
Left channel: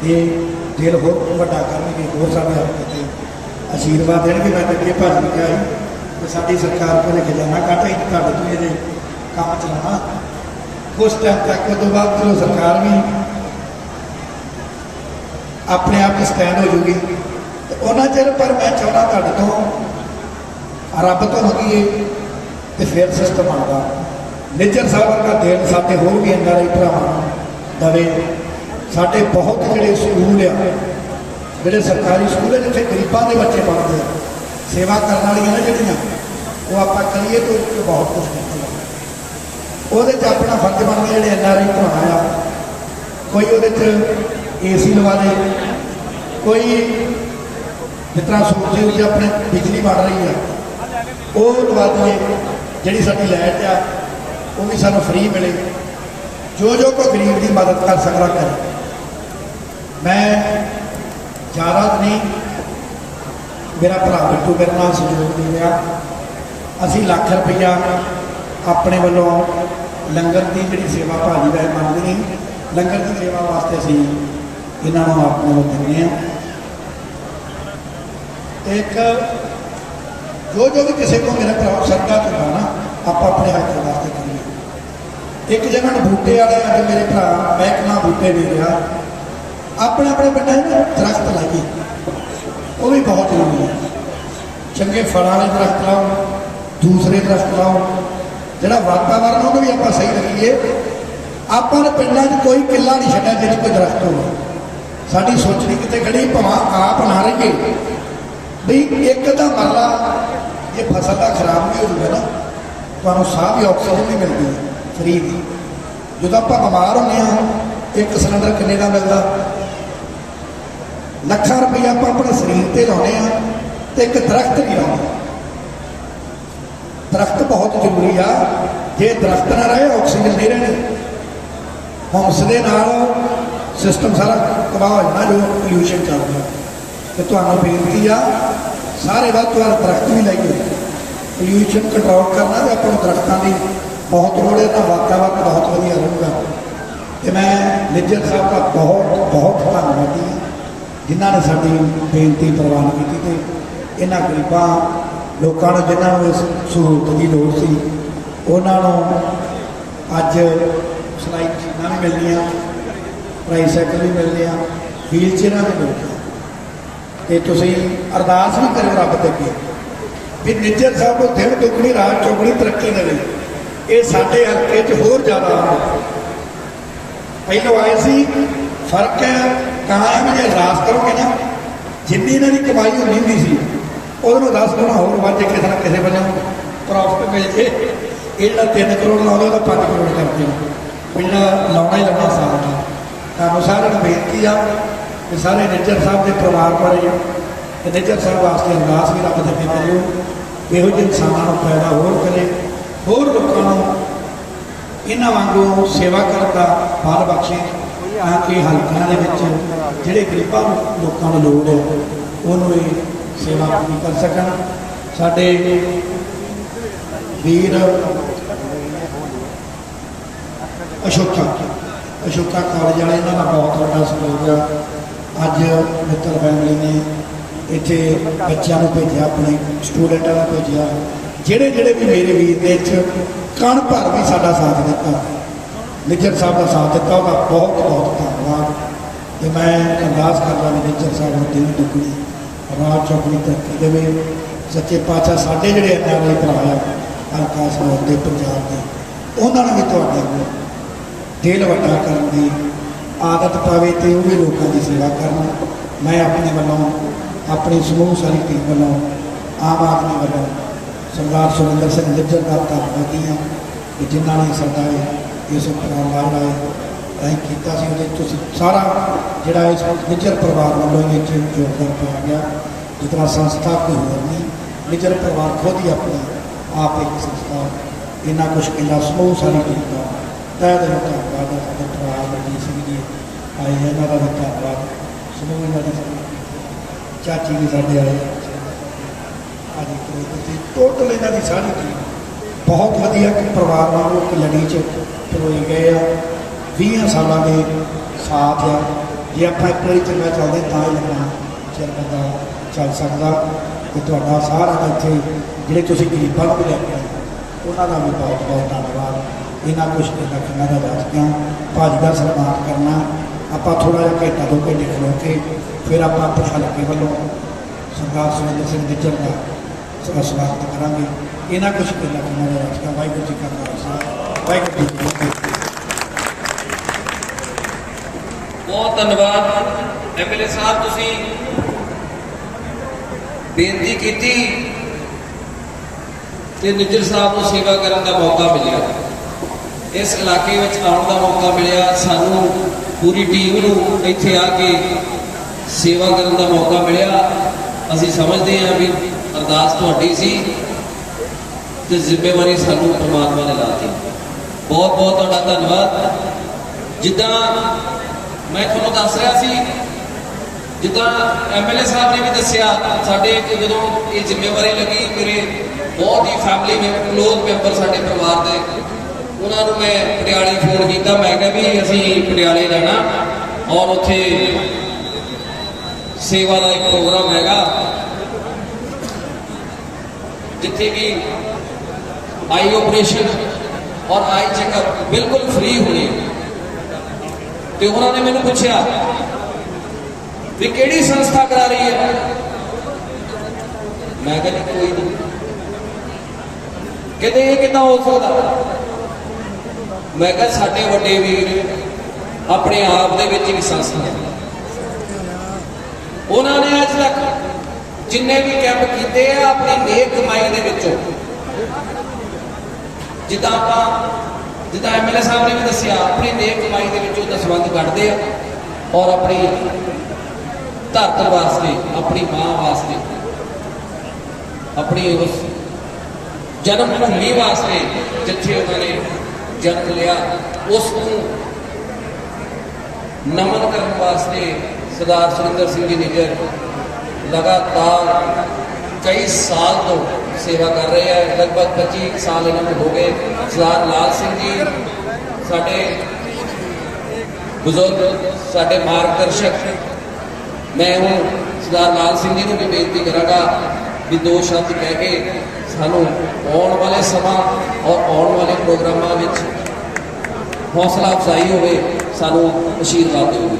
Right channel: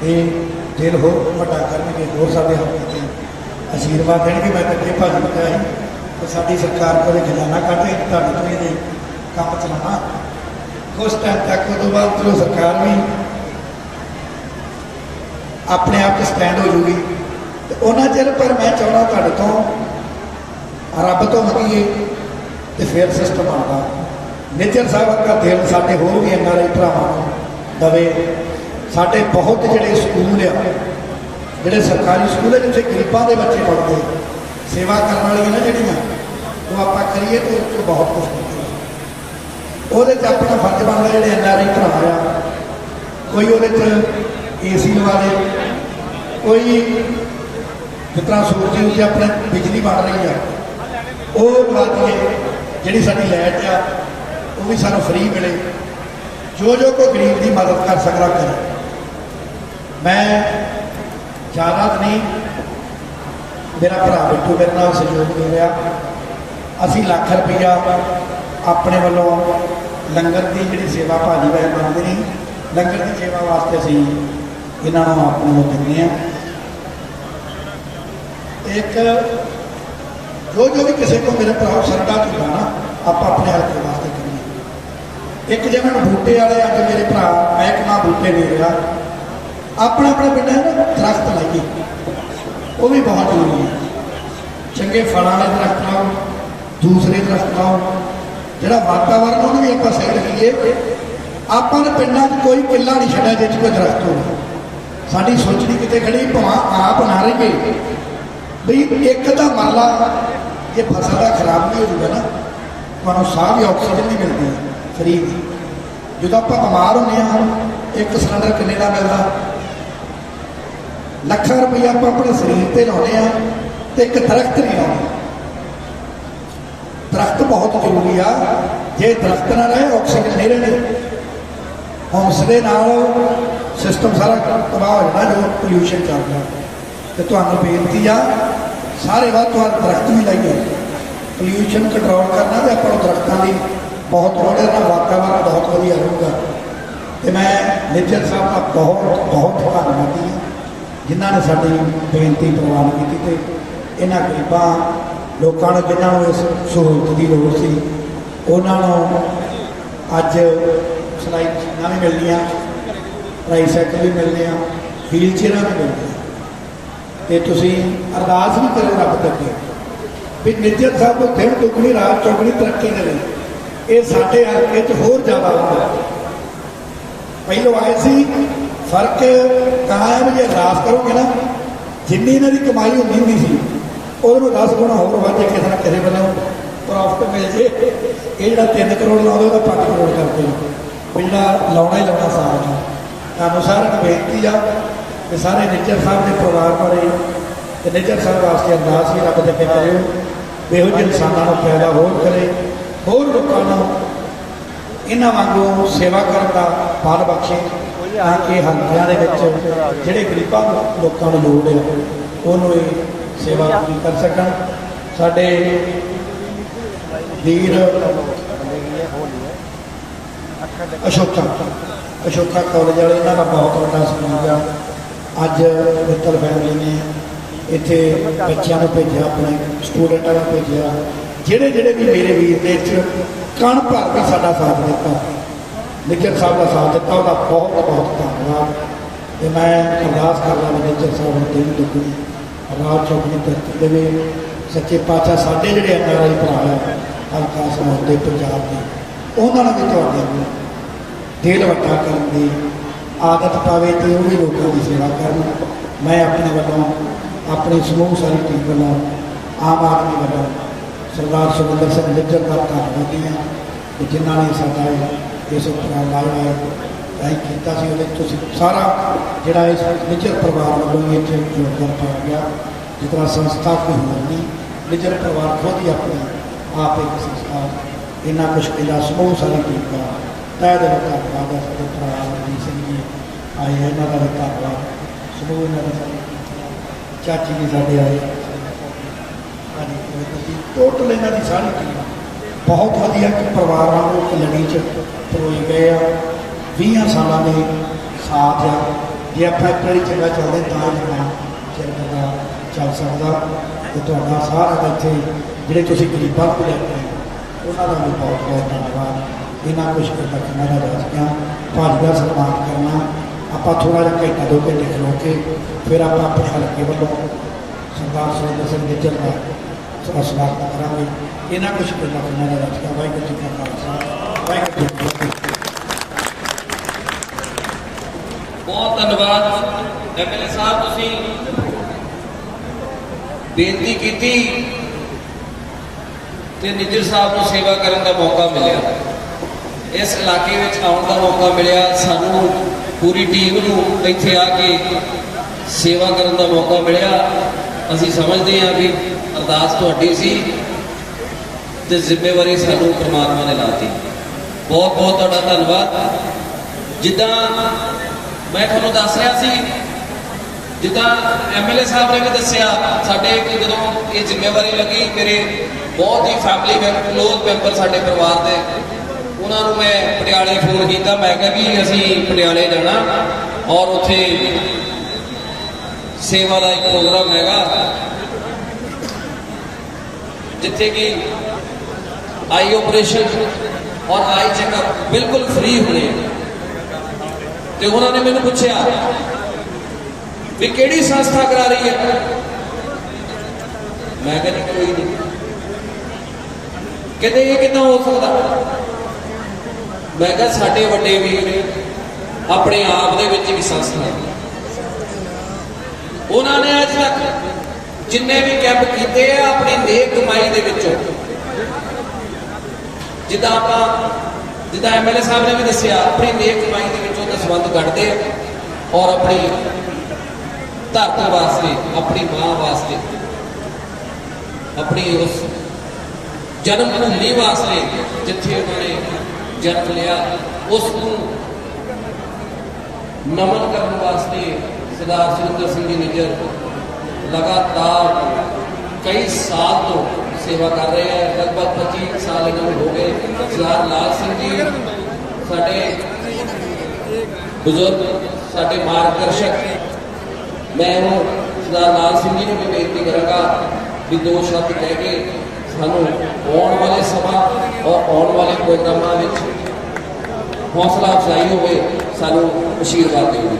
ਇਹ ਦਿਲ ਹੋਰ ਵੱਡਾ ਕਰਨਗੇ, ਹੋਰ ਸਾਡੇ ਹਲਕੇ 'ਚ ਆਸ਼ੀਰਵਾਦ ਦੇਣਗੇ। ਮੈਂ ਤਾਂ ਅੱਗੇ ਭਾਜੀ ਨੂੰ ਕਿਹਾ ਕਿ ਸਾਡੀ ਸਰਕਾਰ ਕੋਲ ਖਜ਼ਾਨਾ ਕੱਢੇ ਤੁਹਾਡੇ ਤੋਂ ਇਹ ਕੰਮ ਚਲਾਉਣਾ। ਕੁਛ ਟਾਈਮ ਤੱਕ ਤੋਂ ਬਾਅਦ ਚਲੋ ਸਰਕਾਰ ਵੀ ਆਪਣੇ ਆਪ 'ਤੇ ਸਟੈਂਡ ਹੋ ਜੂਗੀ ਤੇ ਉਹਨਾਂ ਚਿਰ ਪਰ ਮੈਂ ਚਾਹੁੰਦਾ ਤੁਹਾਡੇ ਤੋਂ ਰੱਬ ਤੋਂ ਮੰਗੀਏ ਤੇ ਫਿਰ ਸਿਸਟਮ ਆਉਂਦਾ। ਨਿੱਜਰ ਸਾਹਿਬ ਵਰਗਾ ਦਿਲ ਸਾਡੇ ਹੋਰ ਵੀ NRI ਭਰਾਵਾਂ ਨੂੰ ਦਵੇ। ਸਾਡੇ ਬਹੁਤ ਜਿਹੜੇ ਸਕੂਲ ਆ, ਜਿਹੜੇ ਸਰਕਾਰੀ ਸਕੂਲ ਆ ਜਿੱਥੇ ਗਰੀਬਾਂ ਦੇ ਬੱਚੇ ਪੜ੍ਹਦੇ, ਸੇਵਾ ਕਰਨ ਵਾਲੀਆਂ ਨੇ ਜਿਹੜੀਆਂ, ਉਹ ਆਪਾਂ ਕਰੀਏ ਤਾਂ ਬਹੁਤ ਕੁਛ ਕਰਦੇ। ਉਹਦੇ 'ਚ ਆਪਣਾ ਫਰਜ਼ ਬਣਦਾ ਜਿਹੜੇ NRI ਭਰਾ ਆ, ਕੋਈ ਉਹਦੇ 'ਚ AC ਲਵਾ ਦੇ, ਕੋਈ ਜਿਸ ਤਰ੍ਹਾਂ ਸੂਰਜ ਵਿੱਚ ਆਪਣੇ ਬਿਜਲੀ ਬਣ ਰਹੀ ਹੈ ਉਹ ਲਵਾ ਦੇ, ਜਿਹੜੀ ਸਾਡੀ ਲਾਈਟ ਆ ਉਹ ਵੀ ਸਾਨੂੰ ਫ੍ਰੀ ਮਿਲੇ। ਜੋ ਕੋਈ ਗਰੀਬ ਦੀ ਮਦਦ ਕਰ ਸਕਦਾ ਕਰੇ। ਮੈਂ ਜ਼ਿਆਦਾ ਨਹੀਂ, ਮੇਰਾ ਭਰਾ ਬਿੱਟੂ ਮੇਰੇ ਨਾਲ ਸਹਿਯੋਗ ਦੇ ਰਿਹਾ। ਅਸੀਂ ਲੱਖ ਰੁਪਈਆ ਆਪਣੇ ਵੱਲੋਂ ਲੰਗਰ ਦੀ ਜਿਹੜੀ ਸੇਵਾ ਭਾਜੀ ਦਾ ਮੰਨਦੇ ਨਹੀਂ, ਲੰਗਰ ਦੀ ਸੇਵਾ ਵਾਸਤੇ ਅਸੀਂ ਇਹਨਾਂ ਨੂੰ ਆਪਣੇ ਨੂੰ ਦਿੰਦੇ ਹਾਂ। ਇੱਕ जो भी किसी को मेरे भरा सरदा चुका ना आप अपने हल्के वास्ते करिए। एक जगह बूटे वाले अगर मेरे भरा मैं एक ना बूटे भी रहा अपना अपना पिंड है ना दरख्त लाइए, वो भी बहुत जरूरी है। चंगे फल वाले दरख्त लाओ, दूसरे दरख्त लाओ, जोड़ा वातावरण उन्होंने भी आप सही रखिए। आपने पिंडा कोई किला नहीं छड़ा जिस कोई दरख्त हो। साड़ी सोचनी कितने खड़ी भाव आप ना रहिए बई एक तो मरला जे फसल का खराब नहीं होगा ना तो साह भी ऑक्सीजन नहीं मिलती फ्री की। जो आप बीमार होने एक सिलेंडर किन्ने का मिलता, लखा रुपया आप अपने शरीर पर लाने तो एक दरख्त नहीं लाना। दरख्त बहुत जरूरी आ, जे दरख्त ना रहे ऑक्सीजन नहीं रहनी। हम उसके सिस्टम सारा कमा हो जाना जो पोल्यूशन करना। तो तुम्हें बेनती आ सारे वाद तो दरख्त भी लाइए, पोल्यूशन कंट्रोल करना तो आप दरख्तों की बहुत लोड़ है, वातावरण बहुत वधिया रहूगा। तो मैं निज्जर साहब का बहुत बहुत धन्यवादी हाँ जिन्होंने साड़ी बेनती प्रवान की। तो इन्होंने गरीबों लोगों को जिन्होंने इस सहूलत की लोड़ सी उन्होंने अज सिलाई मशीन भी मिलनिया, ट्राईसाइकिल भी मिलने, व्हील चेयर भी मिलने। तो तुम अरदास भी करो रब तक भी निज्जर साहब को दिन दुगनी रात चौगनी तरक्की देवे। ये साढ़े हल्के च होर ज़्यादा होगा। पहलों आए सी फर्क कहाँ है भी जो अरदास करोगे ना जिन्नी इन्हों की कमाई होनी होंगी सी उन्होंने 10 गुणा होर वाजे किसी ना किसी बने प्रॉफिट मिल जे। ये जो 3 करोड़ लाने तो 5 करोड़ करते हैं भी जो लाना ही लाना साल का। तो सारे बेनती आ कि सारे निज्जर साहब के परिवार बारे तो निज्जर साहब वास्ते अरदास भी रब तक करो भी यहो ਜਿਹੇ इंसानों को पैदा होर करे, होर लोगों इन्हों वांगू सेवा करने का फल बख्शे ताकि हल्कियां जोड़े गरीबों लोगों को लोड़ है उन्होंने सेवा पूरी कर सकन। साडे वीर अशोका कॉलेज वाले इन्हों का बहुत बड़ा सहयोग है। अज मित्तल फैमिली ने इतने बच्चों को भेजा, अपने स्टूडेंटा को भेजा, जेड़े जेड़े भी मेरे वीर ने कण भर भी साडा साथ दिता, निज्जर साहब का साथ दिता, उसका बहुत बहुत धन्यवाद। तो मैं अरदास कर रहा निज्जर साहब ने दिन दुगनी रात चौगनी तरक्की देवे। सच्चे पातशाह साडे जेड़े NRI भरा हल्का समौते पंजाब के उन्होंने भी तुहाडे दिल वड्डा करने की आदत पावे तो वो भी लोगों की सेवा करना। मैं अपने वालों अपनी समूह सारी टीम वालों आम आदमी वालों सरदार सुखविंदर सिंह निज्जर का धन्यवादी हैं कि जिन्होंने साडा इस उपराम लाया है किया सारा जोड़ा इस निज्जर परिवार वालों योगदान पाया गया। जितना संस्था कोई होर नहीं, निज्जर परिवार खुद ही अपनी आप एक संस्था इन्ना मुश्किल समूह सारी टीम का तय दिल धन्यवाद है। साडे भरा मनजीत सिंह जी आए इन्हों का भी धन्यवाद, समूह इन्हों का चाची भी साढ़े आए टोटल इन्हों की सारी टीम बहुत वधिया परिवार वालों कल्याणी परोई गए हैं। 20 सालों के साथ आ जे आप एक बार चंगा चलते तो ही लगा चल बंदा चल सकता। तो सारा इतने जोड़े तुम गरीबों को लेते हैं उन्होंने भी बहुत बहुत धन्यवाद। इन्होंने मुश्किल रखना रास्तियाँ भाजपा सम्मान करना आप थोड़ा जहा घंटा 2 घंटे खलो के फिर आप अपने हल्के वालों सरदार सुखविंदर सिंह निज्जर का स्वागत करा। इन्होंने मुश्किल रखना रास्तियाँ वाहिगुरू जी का खालसा वाहिगुरू जी की फतेह। बहुत धन्यवाद MLA साहब, तुसीं बेनती की ते निज्जर साहब को सेवा करने का मौका मिला, इस इलाके में आने का मौका मिला, सानू पूरी टीम को इत्थे आके सेवा करने का मौका मिला। असीं समझते हैं भी अरदास तुहाडी सी ते जिम्मेवारी सानू परमात्मा ने लाती। बहुत बहुत तुहाडा धन्यवाद। जिद्दां मैं तुहानूं दस रहा सी, जिद्दां MLA साहब ने भी दस्सिया साडे जदों ये जिम्मेवारी लगी मेरे बहुत ही फैमिली में क्लोज मैंबर साडे परिवार के उन्होंने मैं पटियाले फोन किया, मैं कहा भी असीं पटियाले जाना और उत्थे सेवा का एक प्रोग्राम हैगा जिथे कि आई ऑपरेशन और आई चेकअप बिल्कुल फ्री होने। तो उन्होंने मैंने पूछा भी केड़ी संस्था करा रही है, मैं कहा जी कोई नहीं। कहते ये कितना हो सकता, मैं कहा साडे वड्डे वीर अपने आप दे विच एक संस्था है। उन्होंने अज तक जिन्ने भी कैंप किए हैं अपनी नेक कमाई दे विचों, जिदा आप जिदा MLA साहब ने भी दसिया, अपनी नेक कमाई के विचों दसवंध कटते हैं और अपनी धरती वास्ते, अपनी मां वास्ते, अपनी उस जन्मभूमि वास्ते जिथे उन्होंने जन्म लिया उसको नमन करने वास्ते सरदार सुरिंदर सिंह जी निज्जर लगातार कई साल तो सेवा कर रहे हैं। लगभग 25 साल इन्होंने हो गए। सरदार लाल सिंह जी साडे बुजुर्ग, साडे मार्गदर्शक, मैं वो सरदार लाल सिंह जी को भी बेनती करांगा भी दो शब्द कह के सानू आने वाले समा और आने वाले प्रोग्रामों में हौसला अफजाई होवे, सानू आशीर्वाद देवे।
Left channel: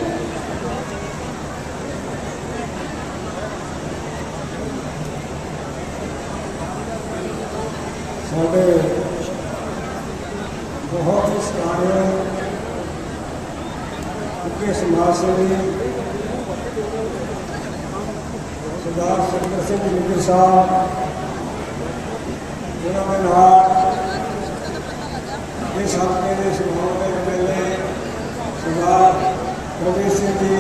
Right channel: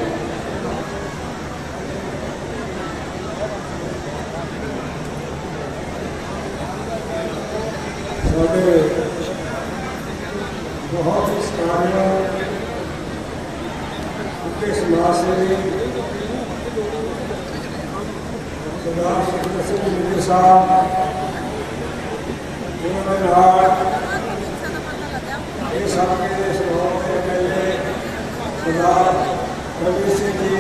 साढ़े बहुत ही सराहनीय उनके समाज सेवी सरदार सुरिंदर सिंह निज्जर साहब, उन्होंने इस हल्के के सुनाव के MLA सरदार रवि सिंह जी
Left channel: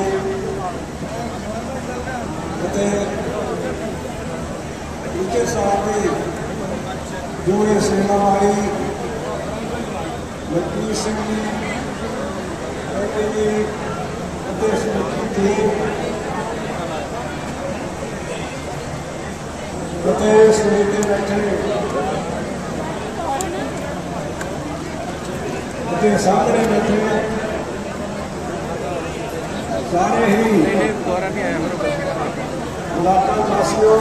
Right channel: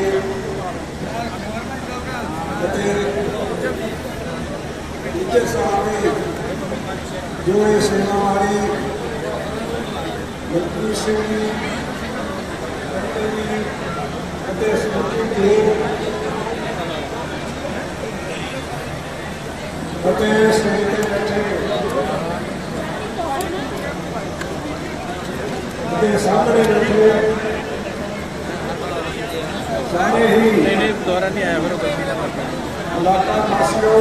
निज्जर साहब की जो ये सेवा हमारी मनप्रीत सिंह जी सामने बैठे सारे ही इलाका वासियों,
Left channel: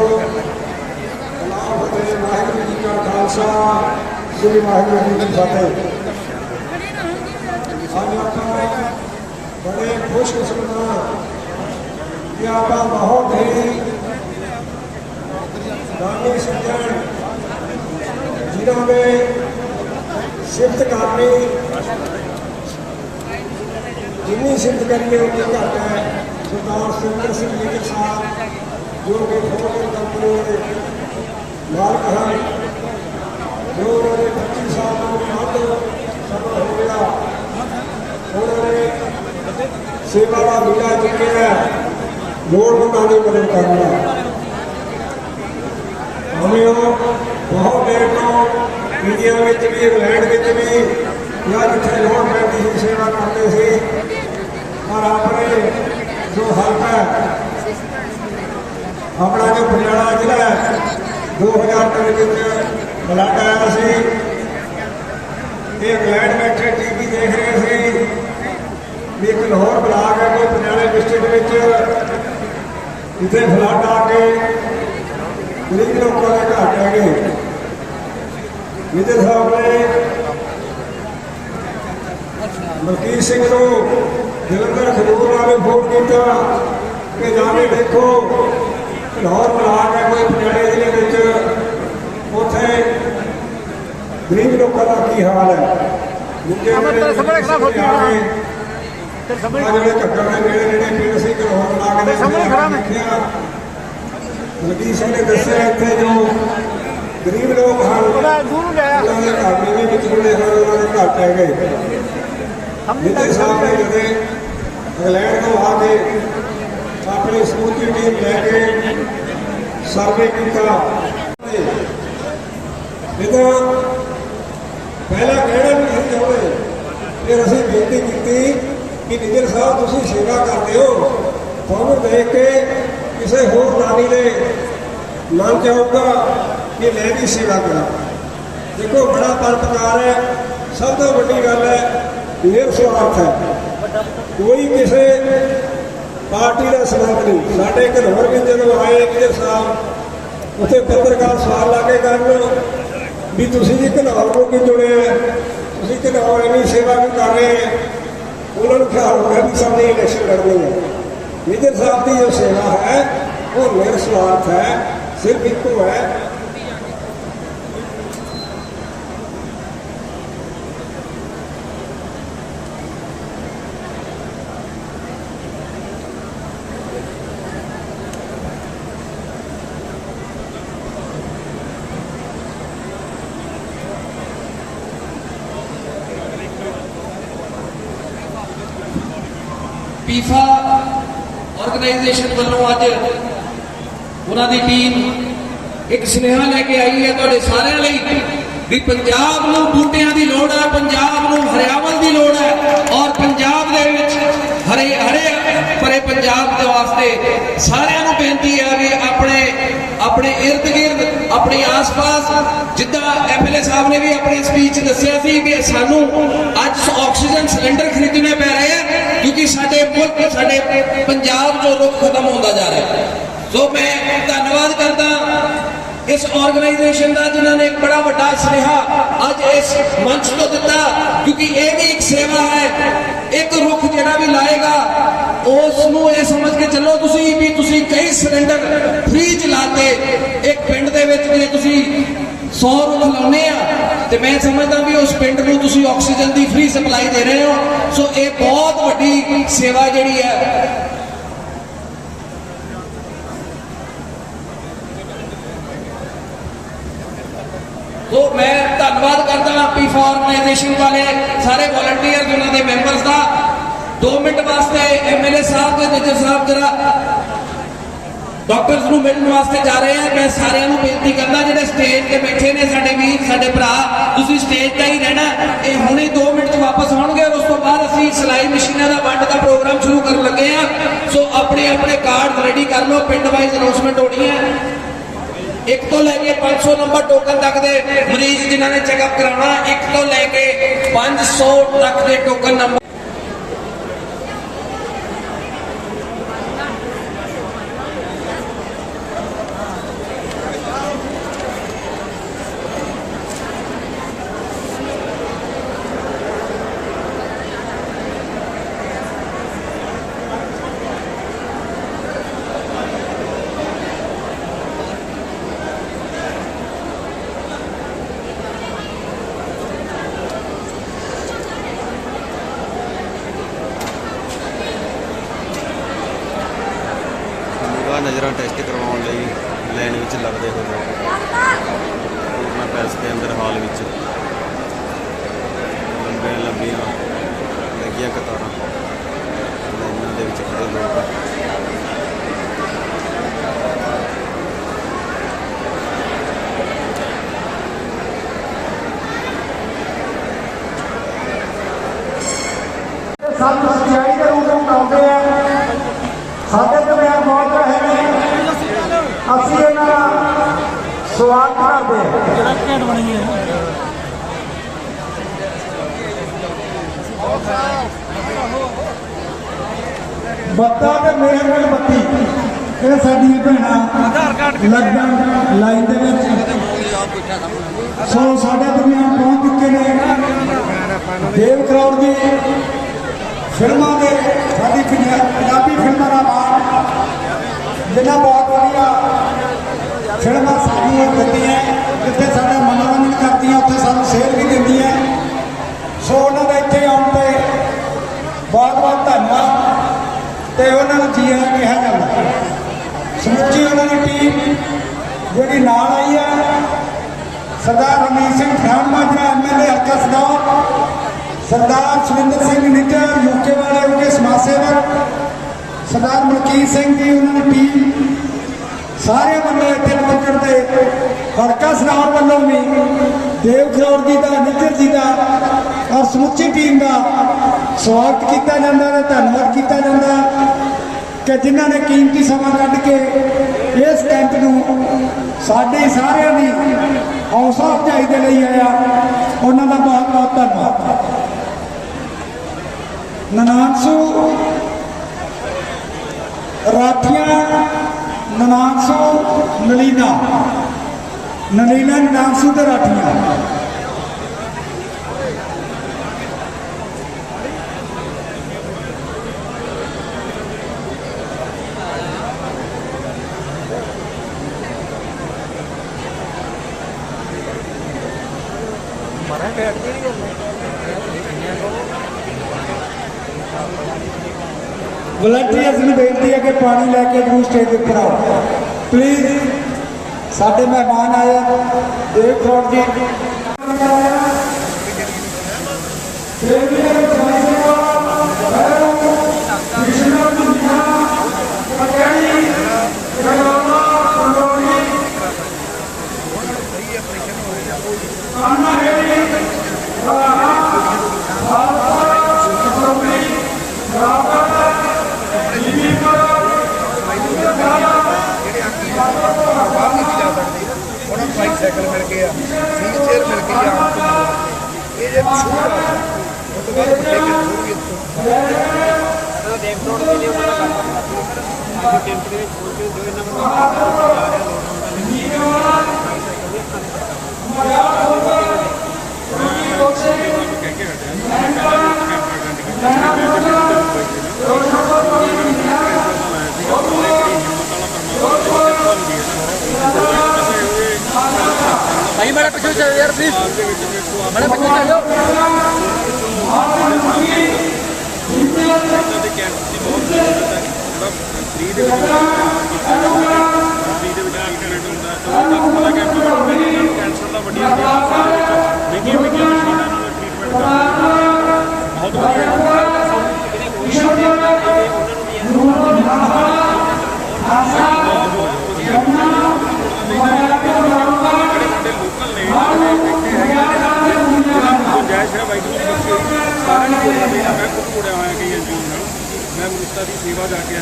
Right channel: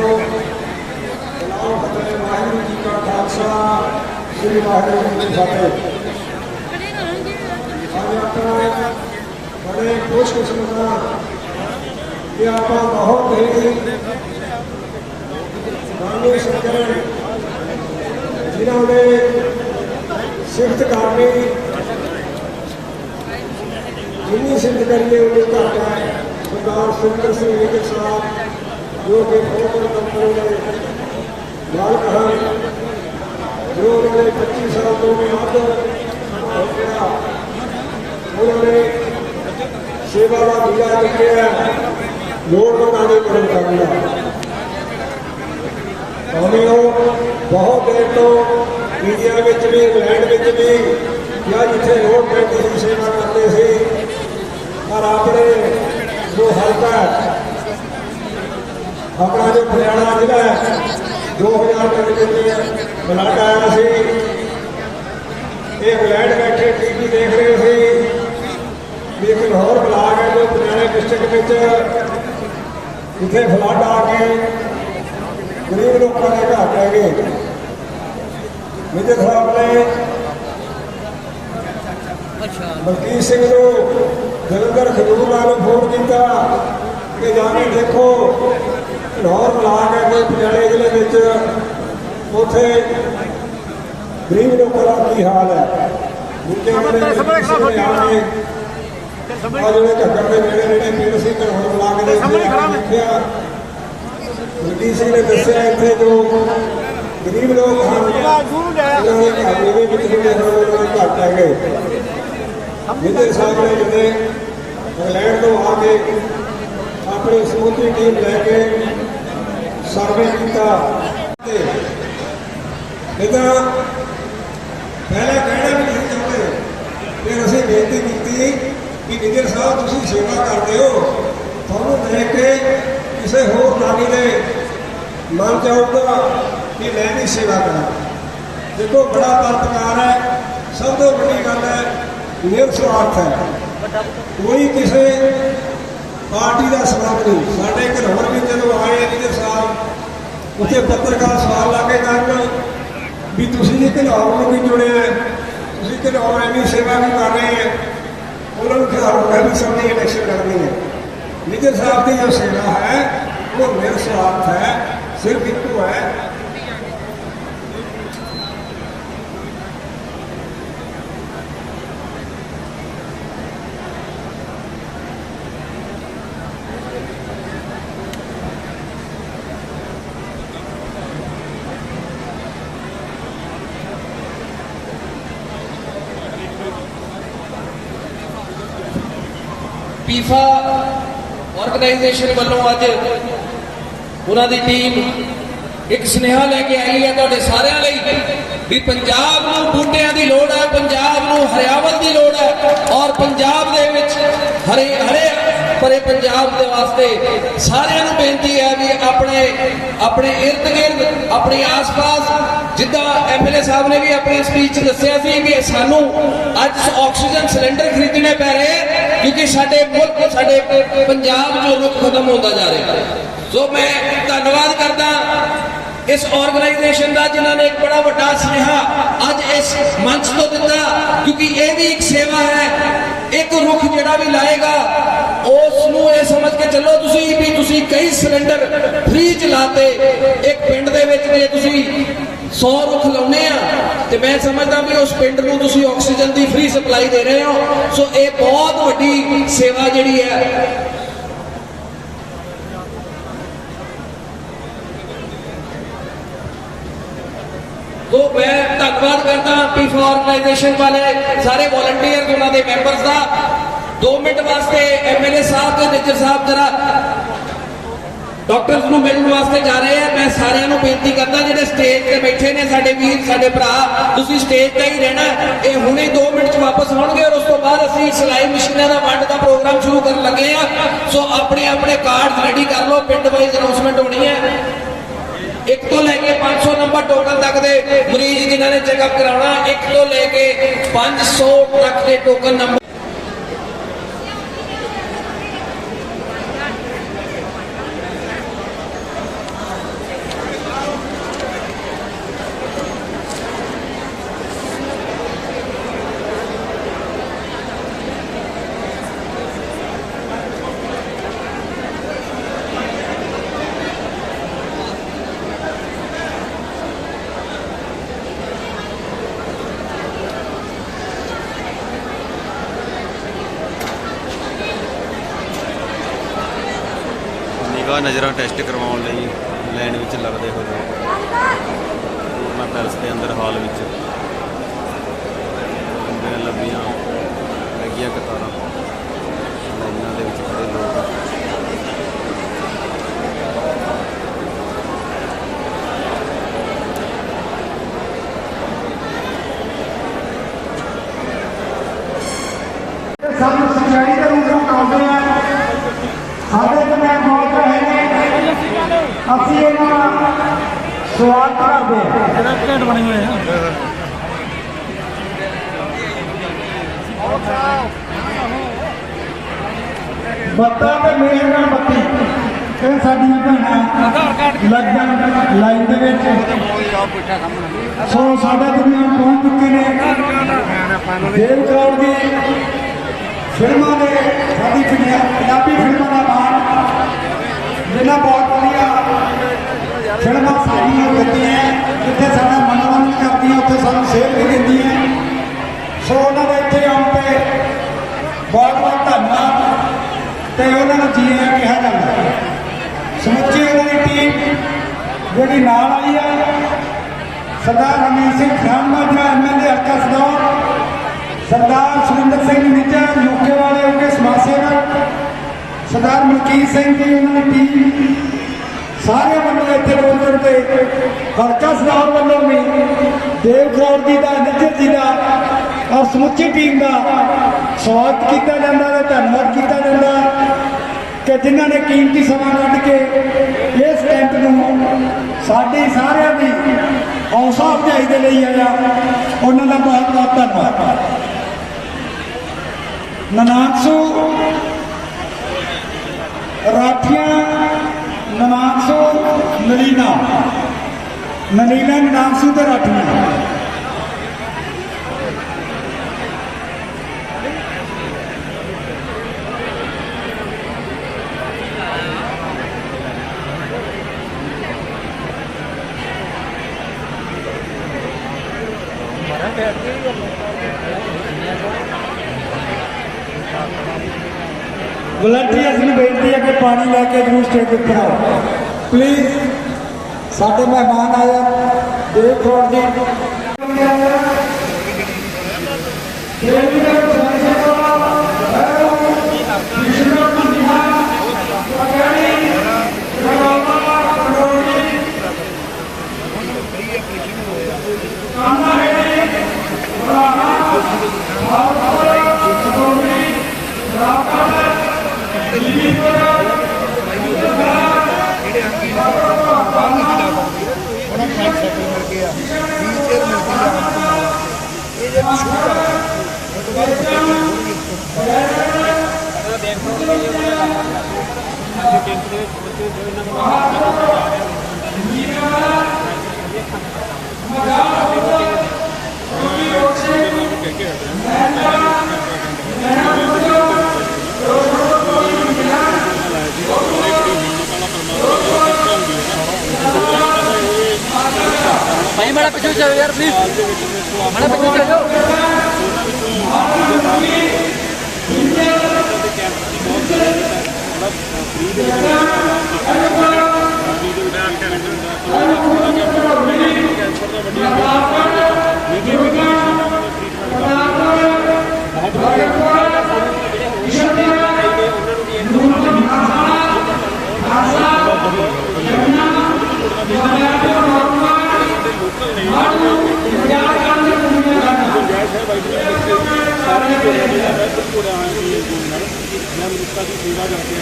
वाहिगुरू जी का खालसा, श्री वाहिगुरू जी की फतेह। आज आप बड़े खुशकिस्मत हाँ कि आप बहुत ही दानी सज्जन जिन्होंने सिफत करनी, जिन्नी सिफत करिए उन्नी घट है। सरदार सुरिंदर सिंह निज्जर साहब जो कि बहुत कंपनी के मालिक हैं, जो उन्होंने 25 साल तो भी ਵੱਧ हो गया, उन्होंने सेवा का मिला दिया लोड़वंदां की मदद करना। हमें बहुत देर तो इंडिया में भी, इंग्लैंड में भी या जिथे लोड़ पैती ही सेवा करते थे, और अपने जो हल्का अपना जो पटियाला जिला है 2000 के ब्लड आया सी, इंग्लैंड बैठे टीवी देख रहे थे भी एक लाहौर ब्लाक है जो पटियाला डिस्ट्रिक्ट इतने फ्लड आके गरीब लोगों के घर रह गए। निज्जर साहब ने मलकीत सिंह को जलंधर खजूर वाले फोन किया कि जाके देखो लाहौर ब्लाक है कि पटियाला जिले उथे गरीब लोगों का की हाल है। घग्गर के नेड़े नेड़े फिर असीं लाहौर ब्लाक देखा, मलकीत सिंह ने दसिया इतने जो गरीब लोग हैं उन्होंने घर में भी बिजली घर पै गए। निज्जर साहब ने जब इंग्लैंड तो आके अपनी समूची टीम लैके सर्वे किया। इतना पहला कहना भी नहीं चाहते, फिर असीं बेनती की कि निज्जर साहब तुसीं सेवा करते हो, तुहानूं देख के किसी होर नारी ने मन चाहूगा कि मैं भी सेवा करा। देखो बड़ा परोपकार है, सब तो बड़ी गल है निस्वार्थ है, कोई किसी पार्टी का स्वार्थ नहीं। साढ़े घरों में जो आए निज्जर साहब ਉੱਥੇ ਪੱਤਰਕਾਰ ਸਵਾਲ ਲਾ ਕੇ ਕਰਨ ਵੀ ਤੁਸੀਂ ਜੀ ਘਨੌਰ ਨੂੰ ਕੀ ਜੁੜਿਆ, ਤੁਸੀਂ ਘਨੌਰ ਐਵੇਂ ਸੇਵਾ ਵੀ ਕਰ ਰਹੇ ਹੈ। ਉਹਨਾਂ ਨੂੰ ਖਿਆਲ ਹੋ ਗਿਆ ਵੀ ਸਾਡੀ ਇਲੈਕਸ਼ਨ ਲੜਨੀ ਹੈ। ਮੇਜਰ ਸਾਹਿਬ ਦੀ ਜੋ ਸੇਵਾ ਹੈ ਉਹ ਨਿਰਸਵਾਰਥ ਹੈ, ਸਿਰਫ ਇੱਕੋ ਹੈ ਪੀਫਾ ਆਰਗੇਨਾਈਜੇਸ਼ਨ ਵੱਲੋਂ ਅੱਜ ਉਹਨਾਂ ਦੀ ਟੀਮ ਇੱਕ ਸੁਨੇਹਾ ਲੈ ਕੇ ਆਈ ਹੈ ਤੁਹਾਡੇ ਸਾਰਿਆਂ ਲਈ ਵੀ ਪੰਜਾਬ ਨੂੰ ਬੂਟਿਆਂ ਦੀ ਲੋੜ ਹੈ, ਪੰਜਾਬ ਨੂੰ ਹਰਿਆਵਲ ਦੀ ਲੋੜ ਹੈ ਔਰ ਪੰਜਾਬ ਦੇ ਵਿੱਚ ਹਰੇ ਭਰੇ ਪੰਜਾਬ ਦੇ ਵਾਸਤੇ ਸਾਰਿਆਂ ਨੂੰ ਬੇਨਤੀ ਹੈ ਵੀ ਆਪਣੇ ਇਰਦ ਗਿਰਦ ਆਪਣੇ ਆਸ-ਪਾਸ ਜਿੱਦਾਂ ਐਮਐਲਏ ਸਾਹਿਬ ਨੇ ਵੀ ਆਪਣੀ ਸਪੀਚ ਦੱਸਿਆ ਸੀ ਕਿ ਸਾਨੂੰ ਅੱਜ ਆਕਸੀਜਨ ਸਿਲੰਡਰ ਖਰੀਦਣੇ ਪੈ ਰਹੇ ਆ ਕਿਉਂਕਿ ਸਾਡੇ ਮੁਲਕ ਸਾਡੇ ਪੰਜਾਬ ਚੋਂ ਰੁੱਖ ਖਤਮ ਹੁੰਦਾ ਜਾ ਰਿਹਾ ਹੈ। ਸੋ ਮੈਂ ਧੰਨਵਾਦ ਕਰਦਾ ਇਸ ਆਰਗੇਨਾਈਜੇਸ਼ਨ ਦਾ ਜਿਨ੍ਹਾਂ ਨੇ ਇੱਕ ਬੜਾ ਵੱਡਾ ਸੁਨੇਹਾ ਅੱਜ ਇਸ ਮੰਚ ਤੋਂ ਦਿੱਤਾ ਕਿਉਂਕਿ ਇਹ ਵੀ ਇੱਕ ਸੇਵਾ ਹੈ। ਇੱਕ ਰੁੱਖ ਜਿਹੜਾ ਵੀ ਲਾਏਗਾ ਉਸ ਨੂੰ ਇਹ ਸਮਝ ਕੇ ਚੱਲੋ ਤੁਸੀਂ ਕਈ ਸਿਲੰਡਰ ਫ੍ਰੀ ਚਲਾਤੇ ਇੱਕ ਪਿੰਡ ਦੇ ਵਿੱਚ ਜੇ ਤੁਸੀਂ 100 ਰੁੱਖ ਲਾਉਨੇ ਆ ਤੇ ਮੈਂ ਸਮਝਦਾ ਵੀ ਉਸ ਪਿੰਡ ਨੂੰ ਤੁਸੀਂ ਆਕਸੀਜਨ ਦੀ ਫ੍ਰੀ ਸਪਲਾਈ ਦੇ ਰਹੇ ਹੋ। ਸੋ ਇਹ ਬਹੁਤ ਵੱਡੀ ਸੇਵਾ ਜਿਹੜੀ ਹੈ। तो मैं धन्यवाद करता पीफा ऑर्गेनाइजेशन वाले सारे वॉलंटियर उन्होंने दे मैंबर्स का 2 मिनट वास्ते एमएलए साहब ते मेजर साहब जरा डॉक्टर्स ਨੂੰ ਮਿਲਣ ਵਾਸਤੇ ਜਾ ਰਹੇ हैं। मैं सारे बेनती करता ਜਿਹੜੇ स्टेज ਤੇ बैठे ने साडे वीर साडे भरा ਤੁਸੀਂ स्टेज ਤੇ ਹੀ रहना। ਇਹ ਹੁਣੇ 2 ਮਿੰਟ ਚ ਵਾਪਸ ਹੋਣਗੇ ਔਰ ਉਸ ਤੋਂ ਬਾਅਦ ਅਸੀਂ ਸਿਲਾਈ ਮਸ਼ੀਨਾਂ ਦਾ ਵੰਡ ਦਾ ਪ੍ਰੋਗਰਾਮ ਸ਼ੁਰੂ ਕਰਨ ਲੱਗੇ ਆ। ਸੋ ਆਪਣੇ ਕਾਰਡ ਰੈਡੀ ਕਰ ਲਓ, ਪਿੰਡ ਵਾਈਜ਼ ਅਨਾਉਂਸਮੈਂਟ ਹੋਣੀ ਹੈ। 1 ਤੋਂ ਲੈ ਕੇ 500 ਨੰਬਰ ਟੋਕਨ ਤੱਕ ਦੇ ਮਰੀਜ਼ ਜਿਨ੍ਹਾਂ ਨੇ ਚੈੱਕਅਪ ਕਰਾਉਣਾ 1 ਤੋਂ ਲੈ ਕੇ 500 ਤੱਕ ਦੇ ਟੋਕਨ ਨੰਬਰ नज़र टेस्ट करवाने ਲਈ ਲਾਈਨ ਵਿੱਚ ਲੱਗਦੇ ਹੋ ਲੋਕ ਪੂਰਨਾ ਪੈਲਸ ਦੇ ਅੰਦਰ ਹਾਲ ਵਿੱਚ ਲੰਬੀਆਂ ਲੱਗੀਆਂ ਕਤਾਰਾਂ ਲਾਈਨਾਂ ਦੇ ਵਿੱਚ ਖੜੇ ਲੋਕ ਸਾਨੂੰ ਸੱਚਾਈ ਦੇ ਰੂਪ ਵਿੱਚ ਆਉਂਦੇ ਆ। ਸਾਡੇ ਦਰਮਿਆਨ ਮੌਤ ਹੈ ਅਸੀਂ ਇਹਨਾਂ ਦਾ ਸਵਾਗਤ ਕਰਦੇ ਹਾਂ। ਘੰਟ ਬਣੇ ਹੋਏ ਹੈ ਬੱਤਾਂ ਤੇ ਮੇਰੇ ਨਾਲ ਬੱਤੀ ਇਹ ਸਾਡੀਆਂ ਭੈਣਾਂ ਲੱਗਣ ਲਾਈਨ ਦੇ ਵਿੱਚ ਸੋ ਸਾਡੇ ਦਰਮਿਆਨ ਪਹੁੰਚ ਚੁੱਕੇ ਨੇ। ਦੇਵ ਕੌਰ ਦੀ ਫਿਲਮਾਂ ਦੇ ਸਾਡੀ ਪੰਜਾਬੀ ਫਿਲਮਾਂ ਦਾ ਮਾਣ ਜਿਨ੍ਹਾਂ ਬਹੁਤ ਵਧੀਆ ਫਿਲਮਾਂ ਸਾਡੀਆਂ ਦਿੱਤੀਆਂ ਜਿੱਥੇ ਸਾਡਾ ਮਨੋਰੰਜਨ ਕਰਦੀਆਂ ਉੱਥੇ ਸਾਨੂੰ ਸੇਧ ਵੀ ਦਿੰਦੀਆਂ। ਸੋ ਉਹਨਾਂ ਦਾ ਇੱਥੇ ਆਉਣ ਤੇ ਬਹੁਤ ਧੰਨਵਾਦ ਤੇ ਉਹਨਾਂ ਨੂੰ ਜੀ ਆਇਆਂ ਕਿਹਾ ਜਾਂਦਾ। ਸਮੁੱਚੀ ਉਹਨਾਂ ਦੀ ਟੀਮ ਜਿਹੜੀ ਨਾਲ ਆਈ ਆ ਸਰਦਾਰ ਰਮੀਤ ਸਿੰਘ ਖਾਨ ਮਾਜਰਾ ਐਮਐਲਏ ਹਲਕਾ ਸਨੌਰ, ਸਰਦਾਰ ਸੁਰਿੰਦਰ ਸਿੰਘ ਨਿੱਜਰ ਯੂਕੇ ਵਾਲੇ ਉਹਦੇ ਸਮਾਜ ਸੇਵਕ, ਸਰਦਾਰ ਮਲਕੀਤ ਸਿੰਘ ਜੀ ਉਹਨਾਂ ਦੀ ਟੀਮ ਸਾਰੇ ਵੱਲੋਂ ਇੱਥੇ ਪਹੁੰਚਣ ਤੇ ਹਲਕਾ ਸਨੌਰ ਵੱਲੋਂ ਵੀ ਦੇਵ ਕੌਰ ਜੀ ਦਾ ਨਿੱਜਰ ਜੀ ਦਾ ਔਰ ਸਮੁੱਚੀ ਟੀਮ ਦਾ ਸਵਾਗਤ ਕੀਤਾ ਜਾਂਦਾ ਤੇ ਧੰਨਵਾਦ ਕੀਤਾ ਜਾਂਦਾ ਕਿ ਜਿਨ੍ਹਾਂ ਨੇ ਕੀਮਤੀ ਸਮਾਂ ਕੱਢ ਕੇ ਇਸ ਕੈਂਪ ਨੂੰ ਸਾਡੇ ਸਾਰਿਆਂ ਦੀ ਹੌਸਲਾ ਅਫਜ਼ਾਈ ਦੇ ਲਈ ਆਇਆ। ਉਹਨਾਂ ਦਾ ਬਹੁਤ ਬਹੁਤ ਧੰਨਵਾਦ। ਨਨਾਣਸੂ ਰਾਠੀਆਂ, ਨਨਾਣਸੂ ਨਲੀਨਾ ਨਾਮ ਸੀ ਤੇ ਰਾਠੀਆਂ। ਵਲੰਟੀਅਰਸ ਨੂੰ ਬੇਨਤੀ ਹੈ ਕਿ ਪਾਣੀ ਲੈ ਕੇ ਜਰੂਰ ਸਟੇਜ ਉੱਪਰ ਆਓ ਪਲੀਜ਼। ਸਾਡੇ ਮਹਿਮਾਨ ਆਏ ਦੇਵ ਫਰੋਡ ਜੀ ਸਾਈਕਲ ਮਿਲ ਗਏ ਆ, ਵੀਲ ਚੇਅਰ ਮਿਲ ਗਈ ਆ ਆਮ ਘੁੰਮਣ ਵਾਸਤੇ। ਇਹ ਜੇ ਸ਼ੁਰੂ ਕਰ ਉਸ ਤੋਂ ਬਾਅਦ ਵੱਡੇ ਹੋਰ ਵੀ ਦੇਖ ਰੋਡ ਦੀ ਜੋ ਉਹਨਾਂ ਦਾ ਅੱਜ ਕੈਂਪ ਦੇ ਵਿੱਚ ਜੋ ਇਹਨਾਂ ਨੂੰ ਜਾ ਰਿਹਾ भाई बड़ा पीछे चलो यार प्लीज, बड़ा पीछे चलो। मैं मनुष्यता की सेवा करके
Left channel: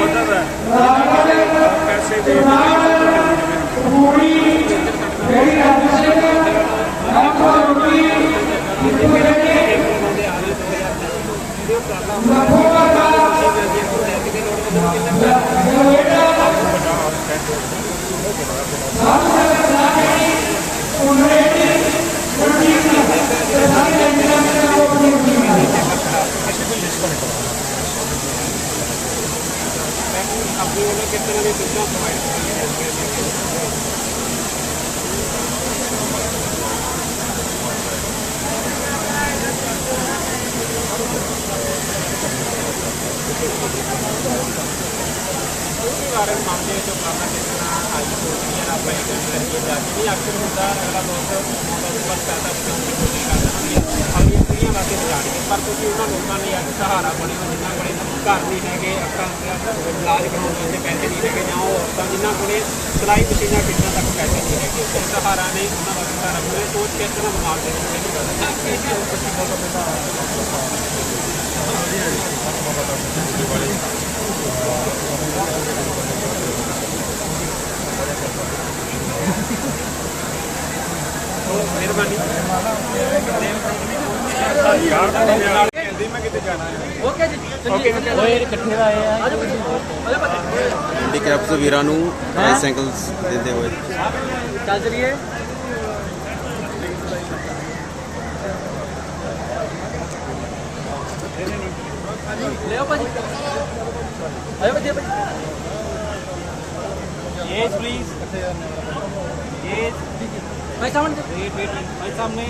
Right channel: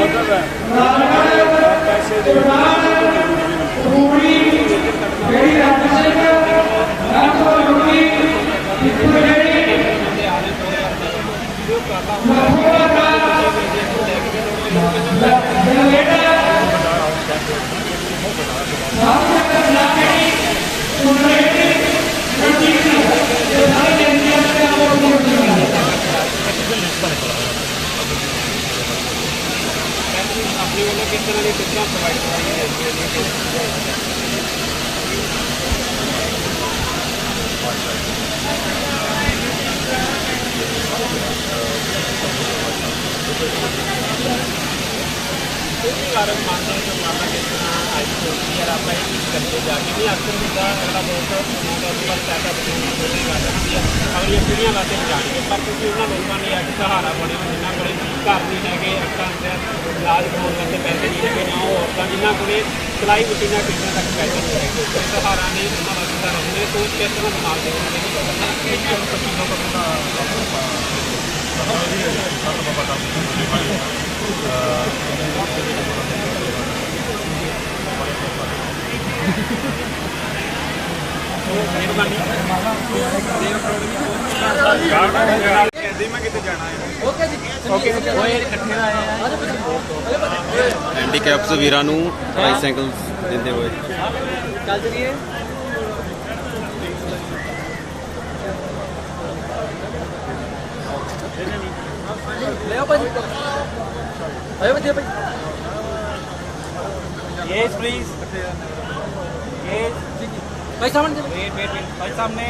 मदद है पैसे अपनी वालों किस तरह की सुविधा प्रोवाइड कराई कारक मानते हैं जो मामला किस तरह आई सोचती है आप कुछ करके जाके भी अक्सर होता अगला दोस्त बस पैसा बचाने की कोशिश कर रहा है अगलियां पीढ़ियां वास्ते बचाने पर क्योंकि उन्होंने लोगों ने अज सहारा बने हो जिन्होंने को घर नहीं है अक्खां इलाज कराने वास्ते पैसे नहीं है जां औरतां जिन्होंने को सिलाई मशीनां खरीदने तक पैसे नहीं है तो सहारा ने उन्होंने वास्ते सहारा बने सोच किस तरह दिमाग से नहीं हैंडीकैप्स वीरां नूं ट्राईसाइकल्स दिंदे होए Yes, please. Yes. Wait, सामने.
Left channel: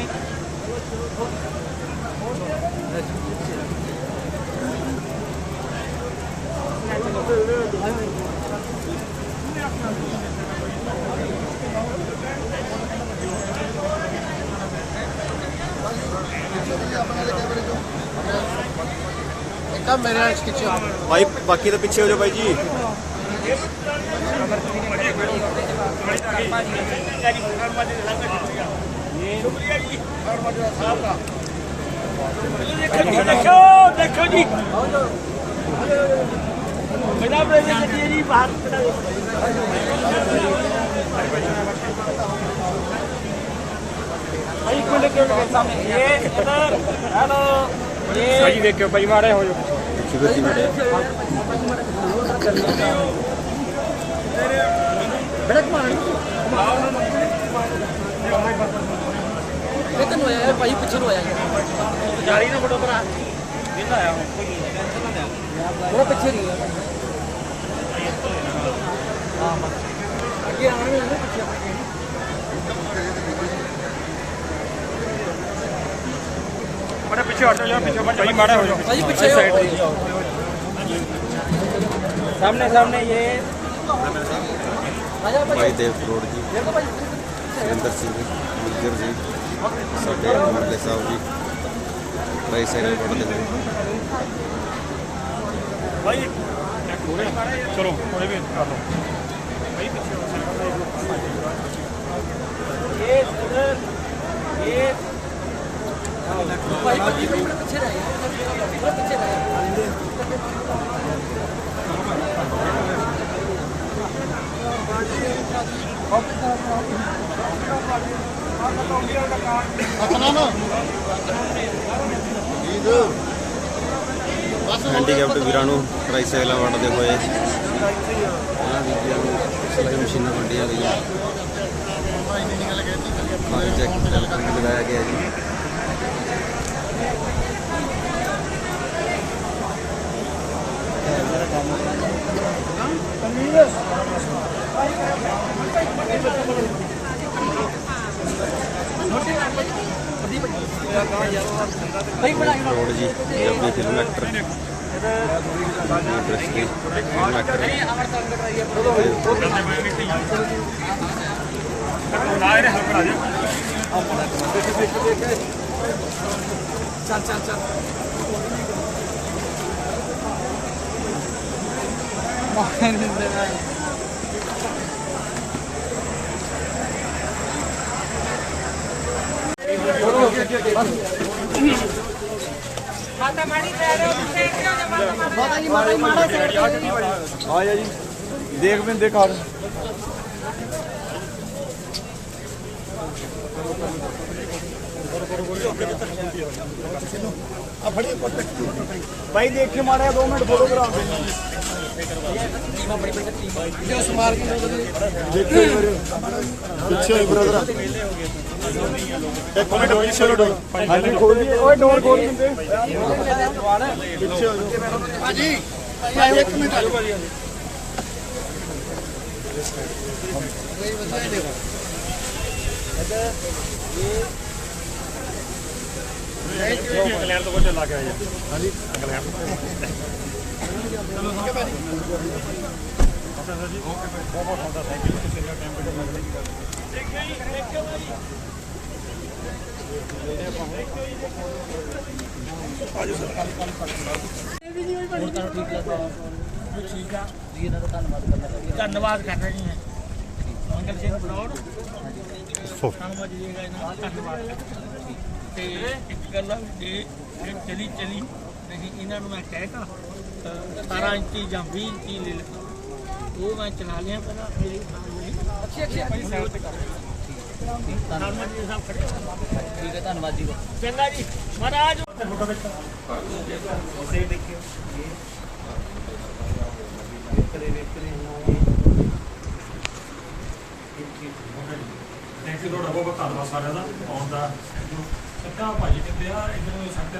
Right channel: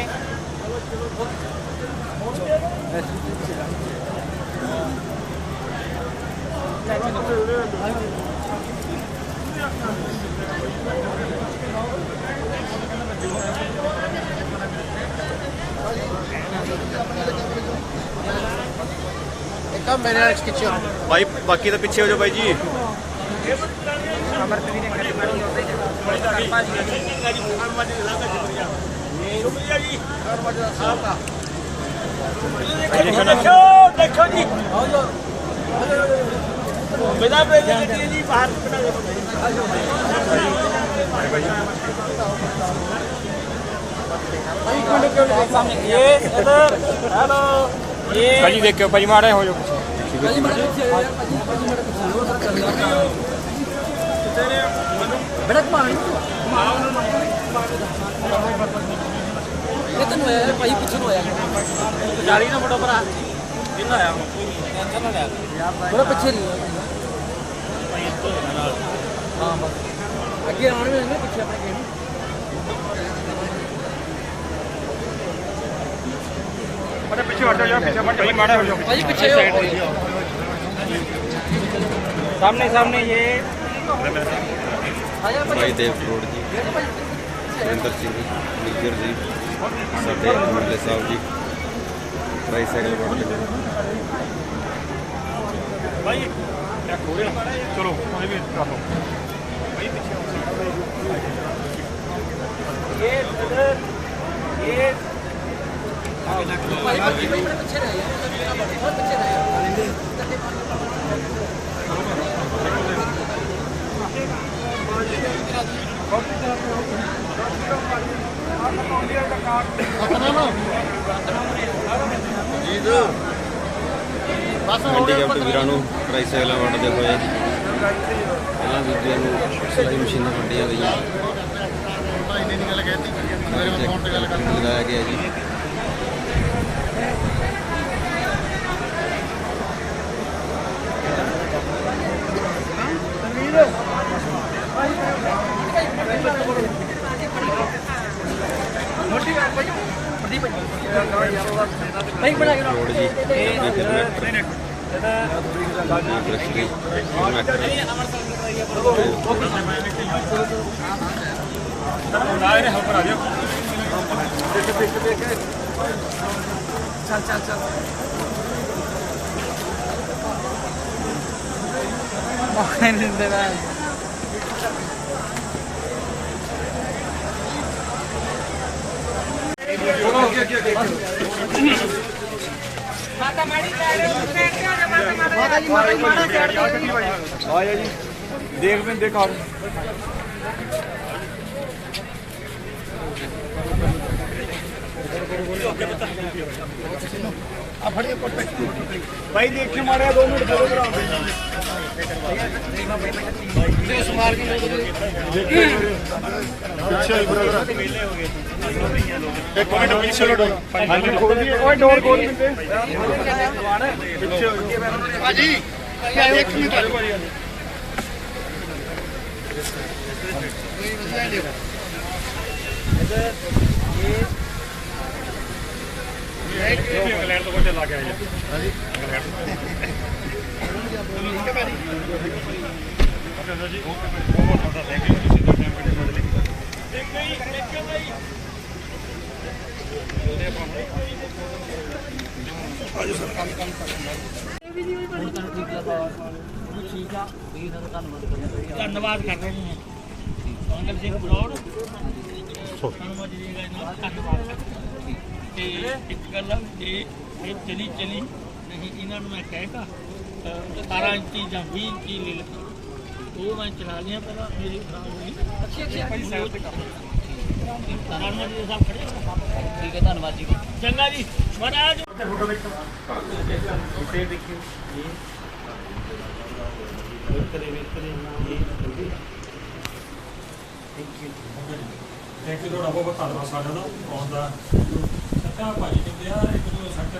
भाई बाकी तो पीछे हो जाओ भाई जी। देखो जी बेटा जी बाहर सामने ये इधर हेलो ये भाई देखियो भाई मारे हो जो बड़ा मार कितन होया भाई पिछन होया जारी ना बड़ो भरा बड़ा पिछे नहीं आगे आने में पीछे बड़े पीछे हट जाओ पीछे भाई मारे हो जाओ भाई पीछे सामने सामने ये भाई देव करोड़ जी, सुरिंदर सिंह निगर जी, साडे मुरले साहब जी ट्राईसाइकिल पढ़ते हुए भाई चलो ये भी ये पीछे रहे हैंਡੀਕੈਪਟ ਵੀਰਾਂ ਨੂੰ ਟਰਾਈਸਾਈਕਲਾਂ ਵੰਡਦੇ ਹੋਏ ਇਹਨਾਂ ਵੀਰਾਂ ਨੂੰ ਸਿਲਾਈ ਮਸ਼ੀਨਾਂ ਵੰਡੀਆਂ ਗਈਆਂ। ਲਗਾਇਆ ਗਿਆ ਜੀ। करोड़ जी Punjabi film actor industry film actor आया जी देख में देखा भाई देख के मारा 2 मिनट फोटोग्राफ चलो डोर खोल दिए डोर खोल इंग्लैंड तो चला गया जी ओके बहुत बहुत थैंक यू धन्यवाद कर रहे हैं अंकल सिंह बलौड़ धन्यवाद ਤੇ ਇੱਕ ਗੱਲ ਆ ਜੇ ਇਹ ਚਲੀ ਨਹੀਂ ਇਹਨਾਂ ਨੂੰ ਮੈਂ ਕਹਿਤਾ 17 ਇੰਚੀ ਜਾਂ 20 ਇੰਚੀ ਲੈ ਲੈ ਉਹ ਮੈਂ ਚਲਾ ਲਿਆ ਪਹਿਲਾਂ ਮੇਰੀ ਅੱਛੀ ਭਾਈ ਸਾਈਡ ਤੇ ਕਰ ਧੰਨਵਾਦ ਜੀ ਸਾਹਿਬ ਖੜੇ ਠੀਕ ਹੈ ਧੰਨਵਾਦ ਜੀ ਚੰਗਾ ਜੀ ਮਹਾਰਾਜ ਫੋਟੋ ਦੇਖੋ ਇਸੇ ਦੇਖਿਓ ਇਹ ਵੇਖਲੇ ਥੈਂਕ ਯੂ ਤੁਹਾਡਾ ਬਹੁਤ ਧੰਨਵਾਦ ਸਾਰਿਆਂ ਦਾ ਆਉਣ ਦਾ ਸੱਕਾ ਭਾਈ ਕਹਿੰਦੇ ਆ ਇੱਕ ਨੂੰ ਸੱਕ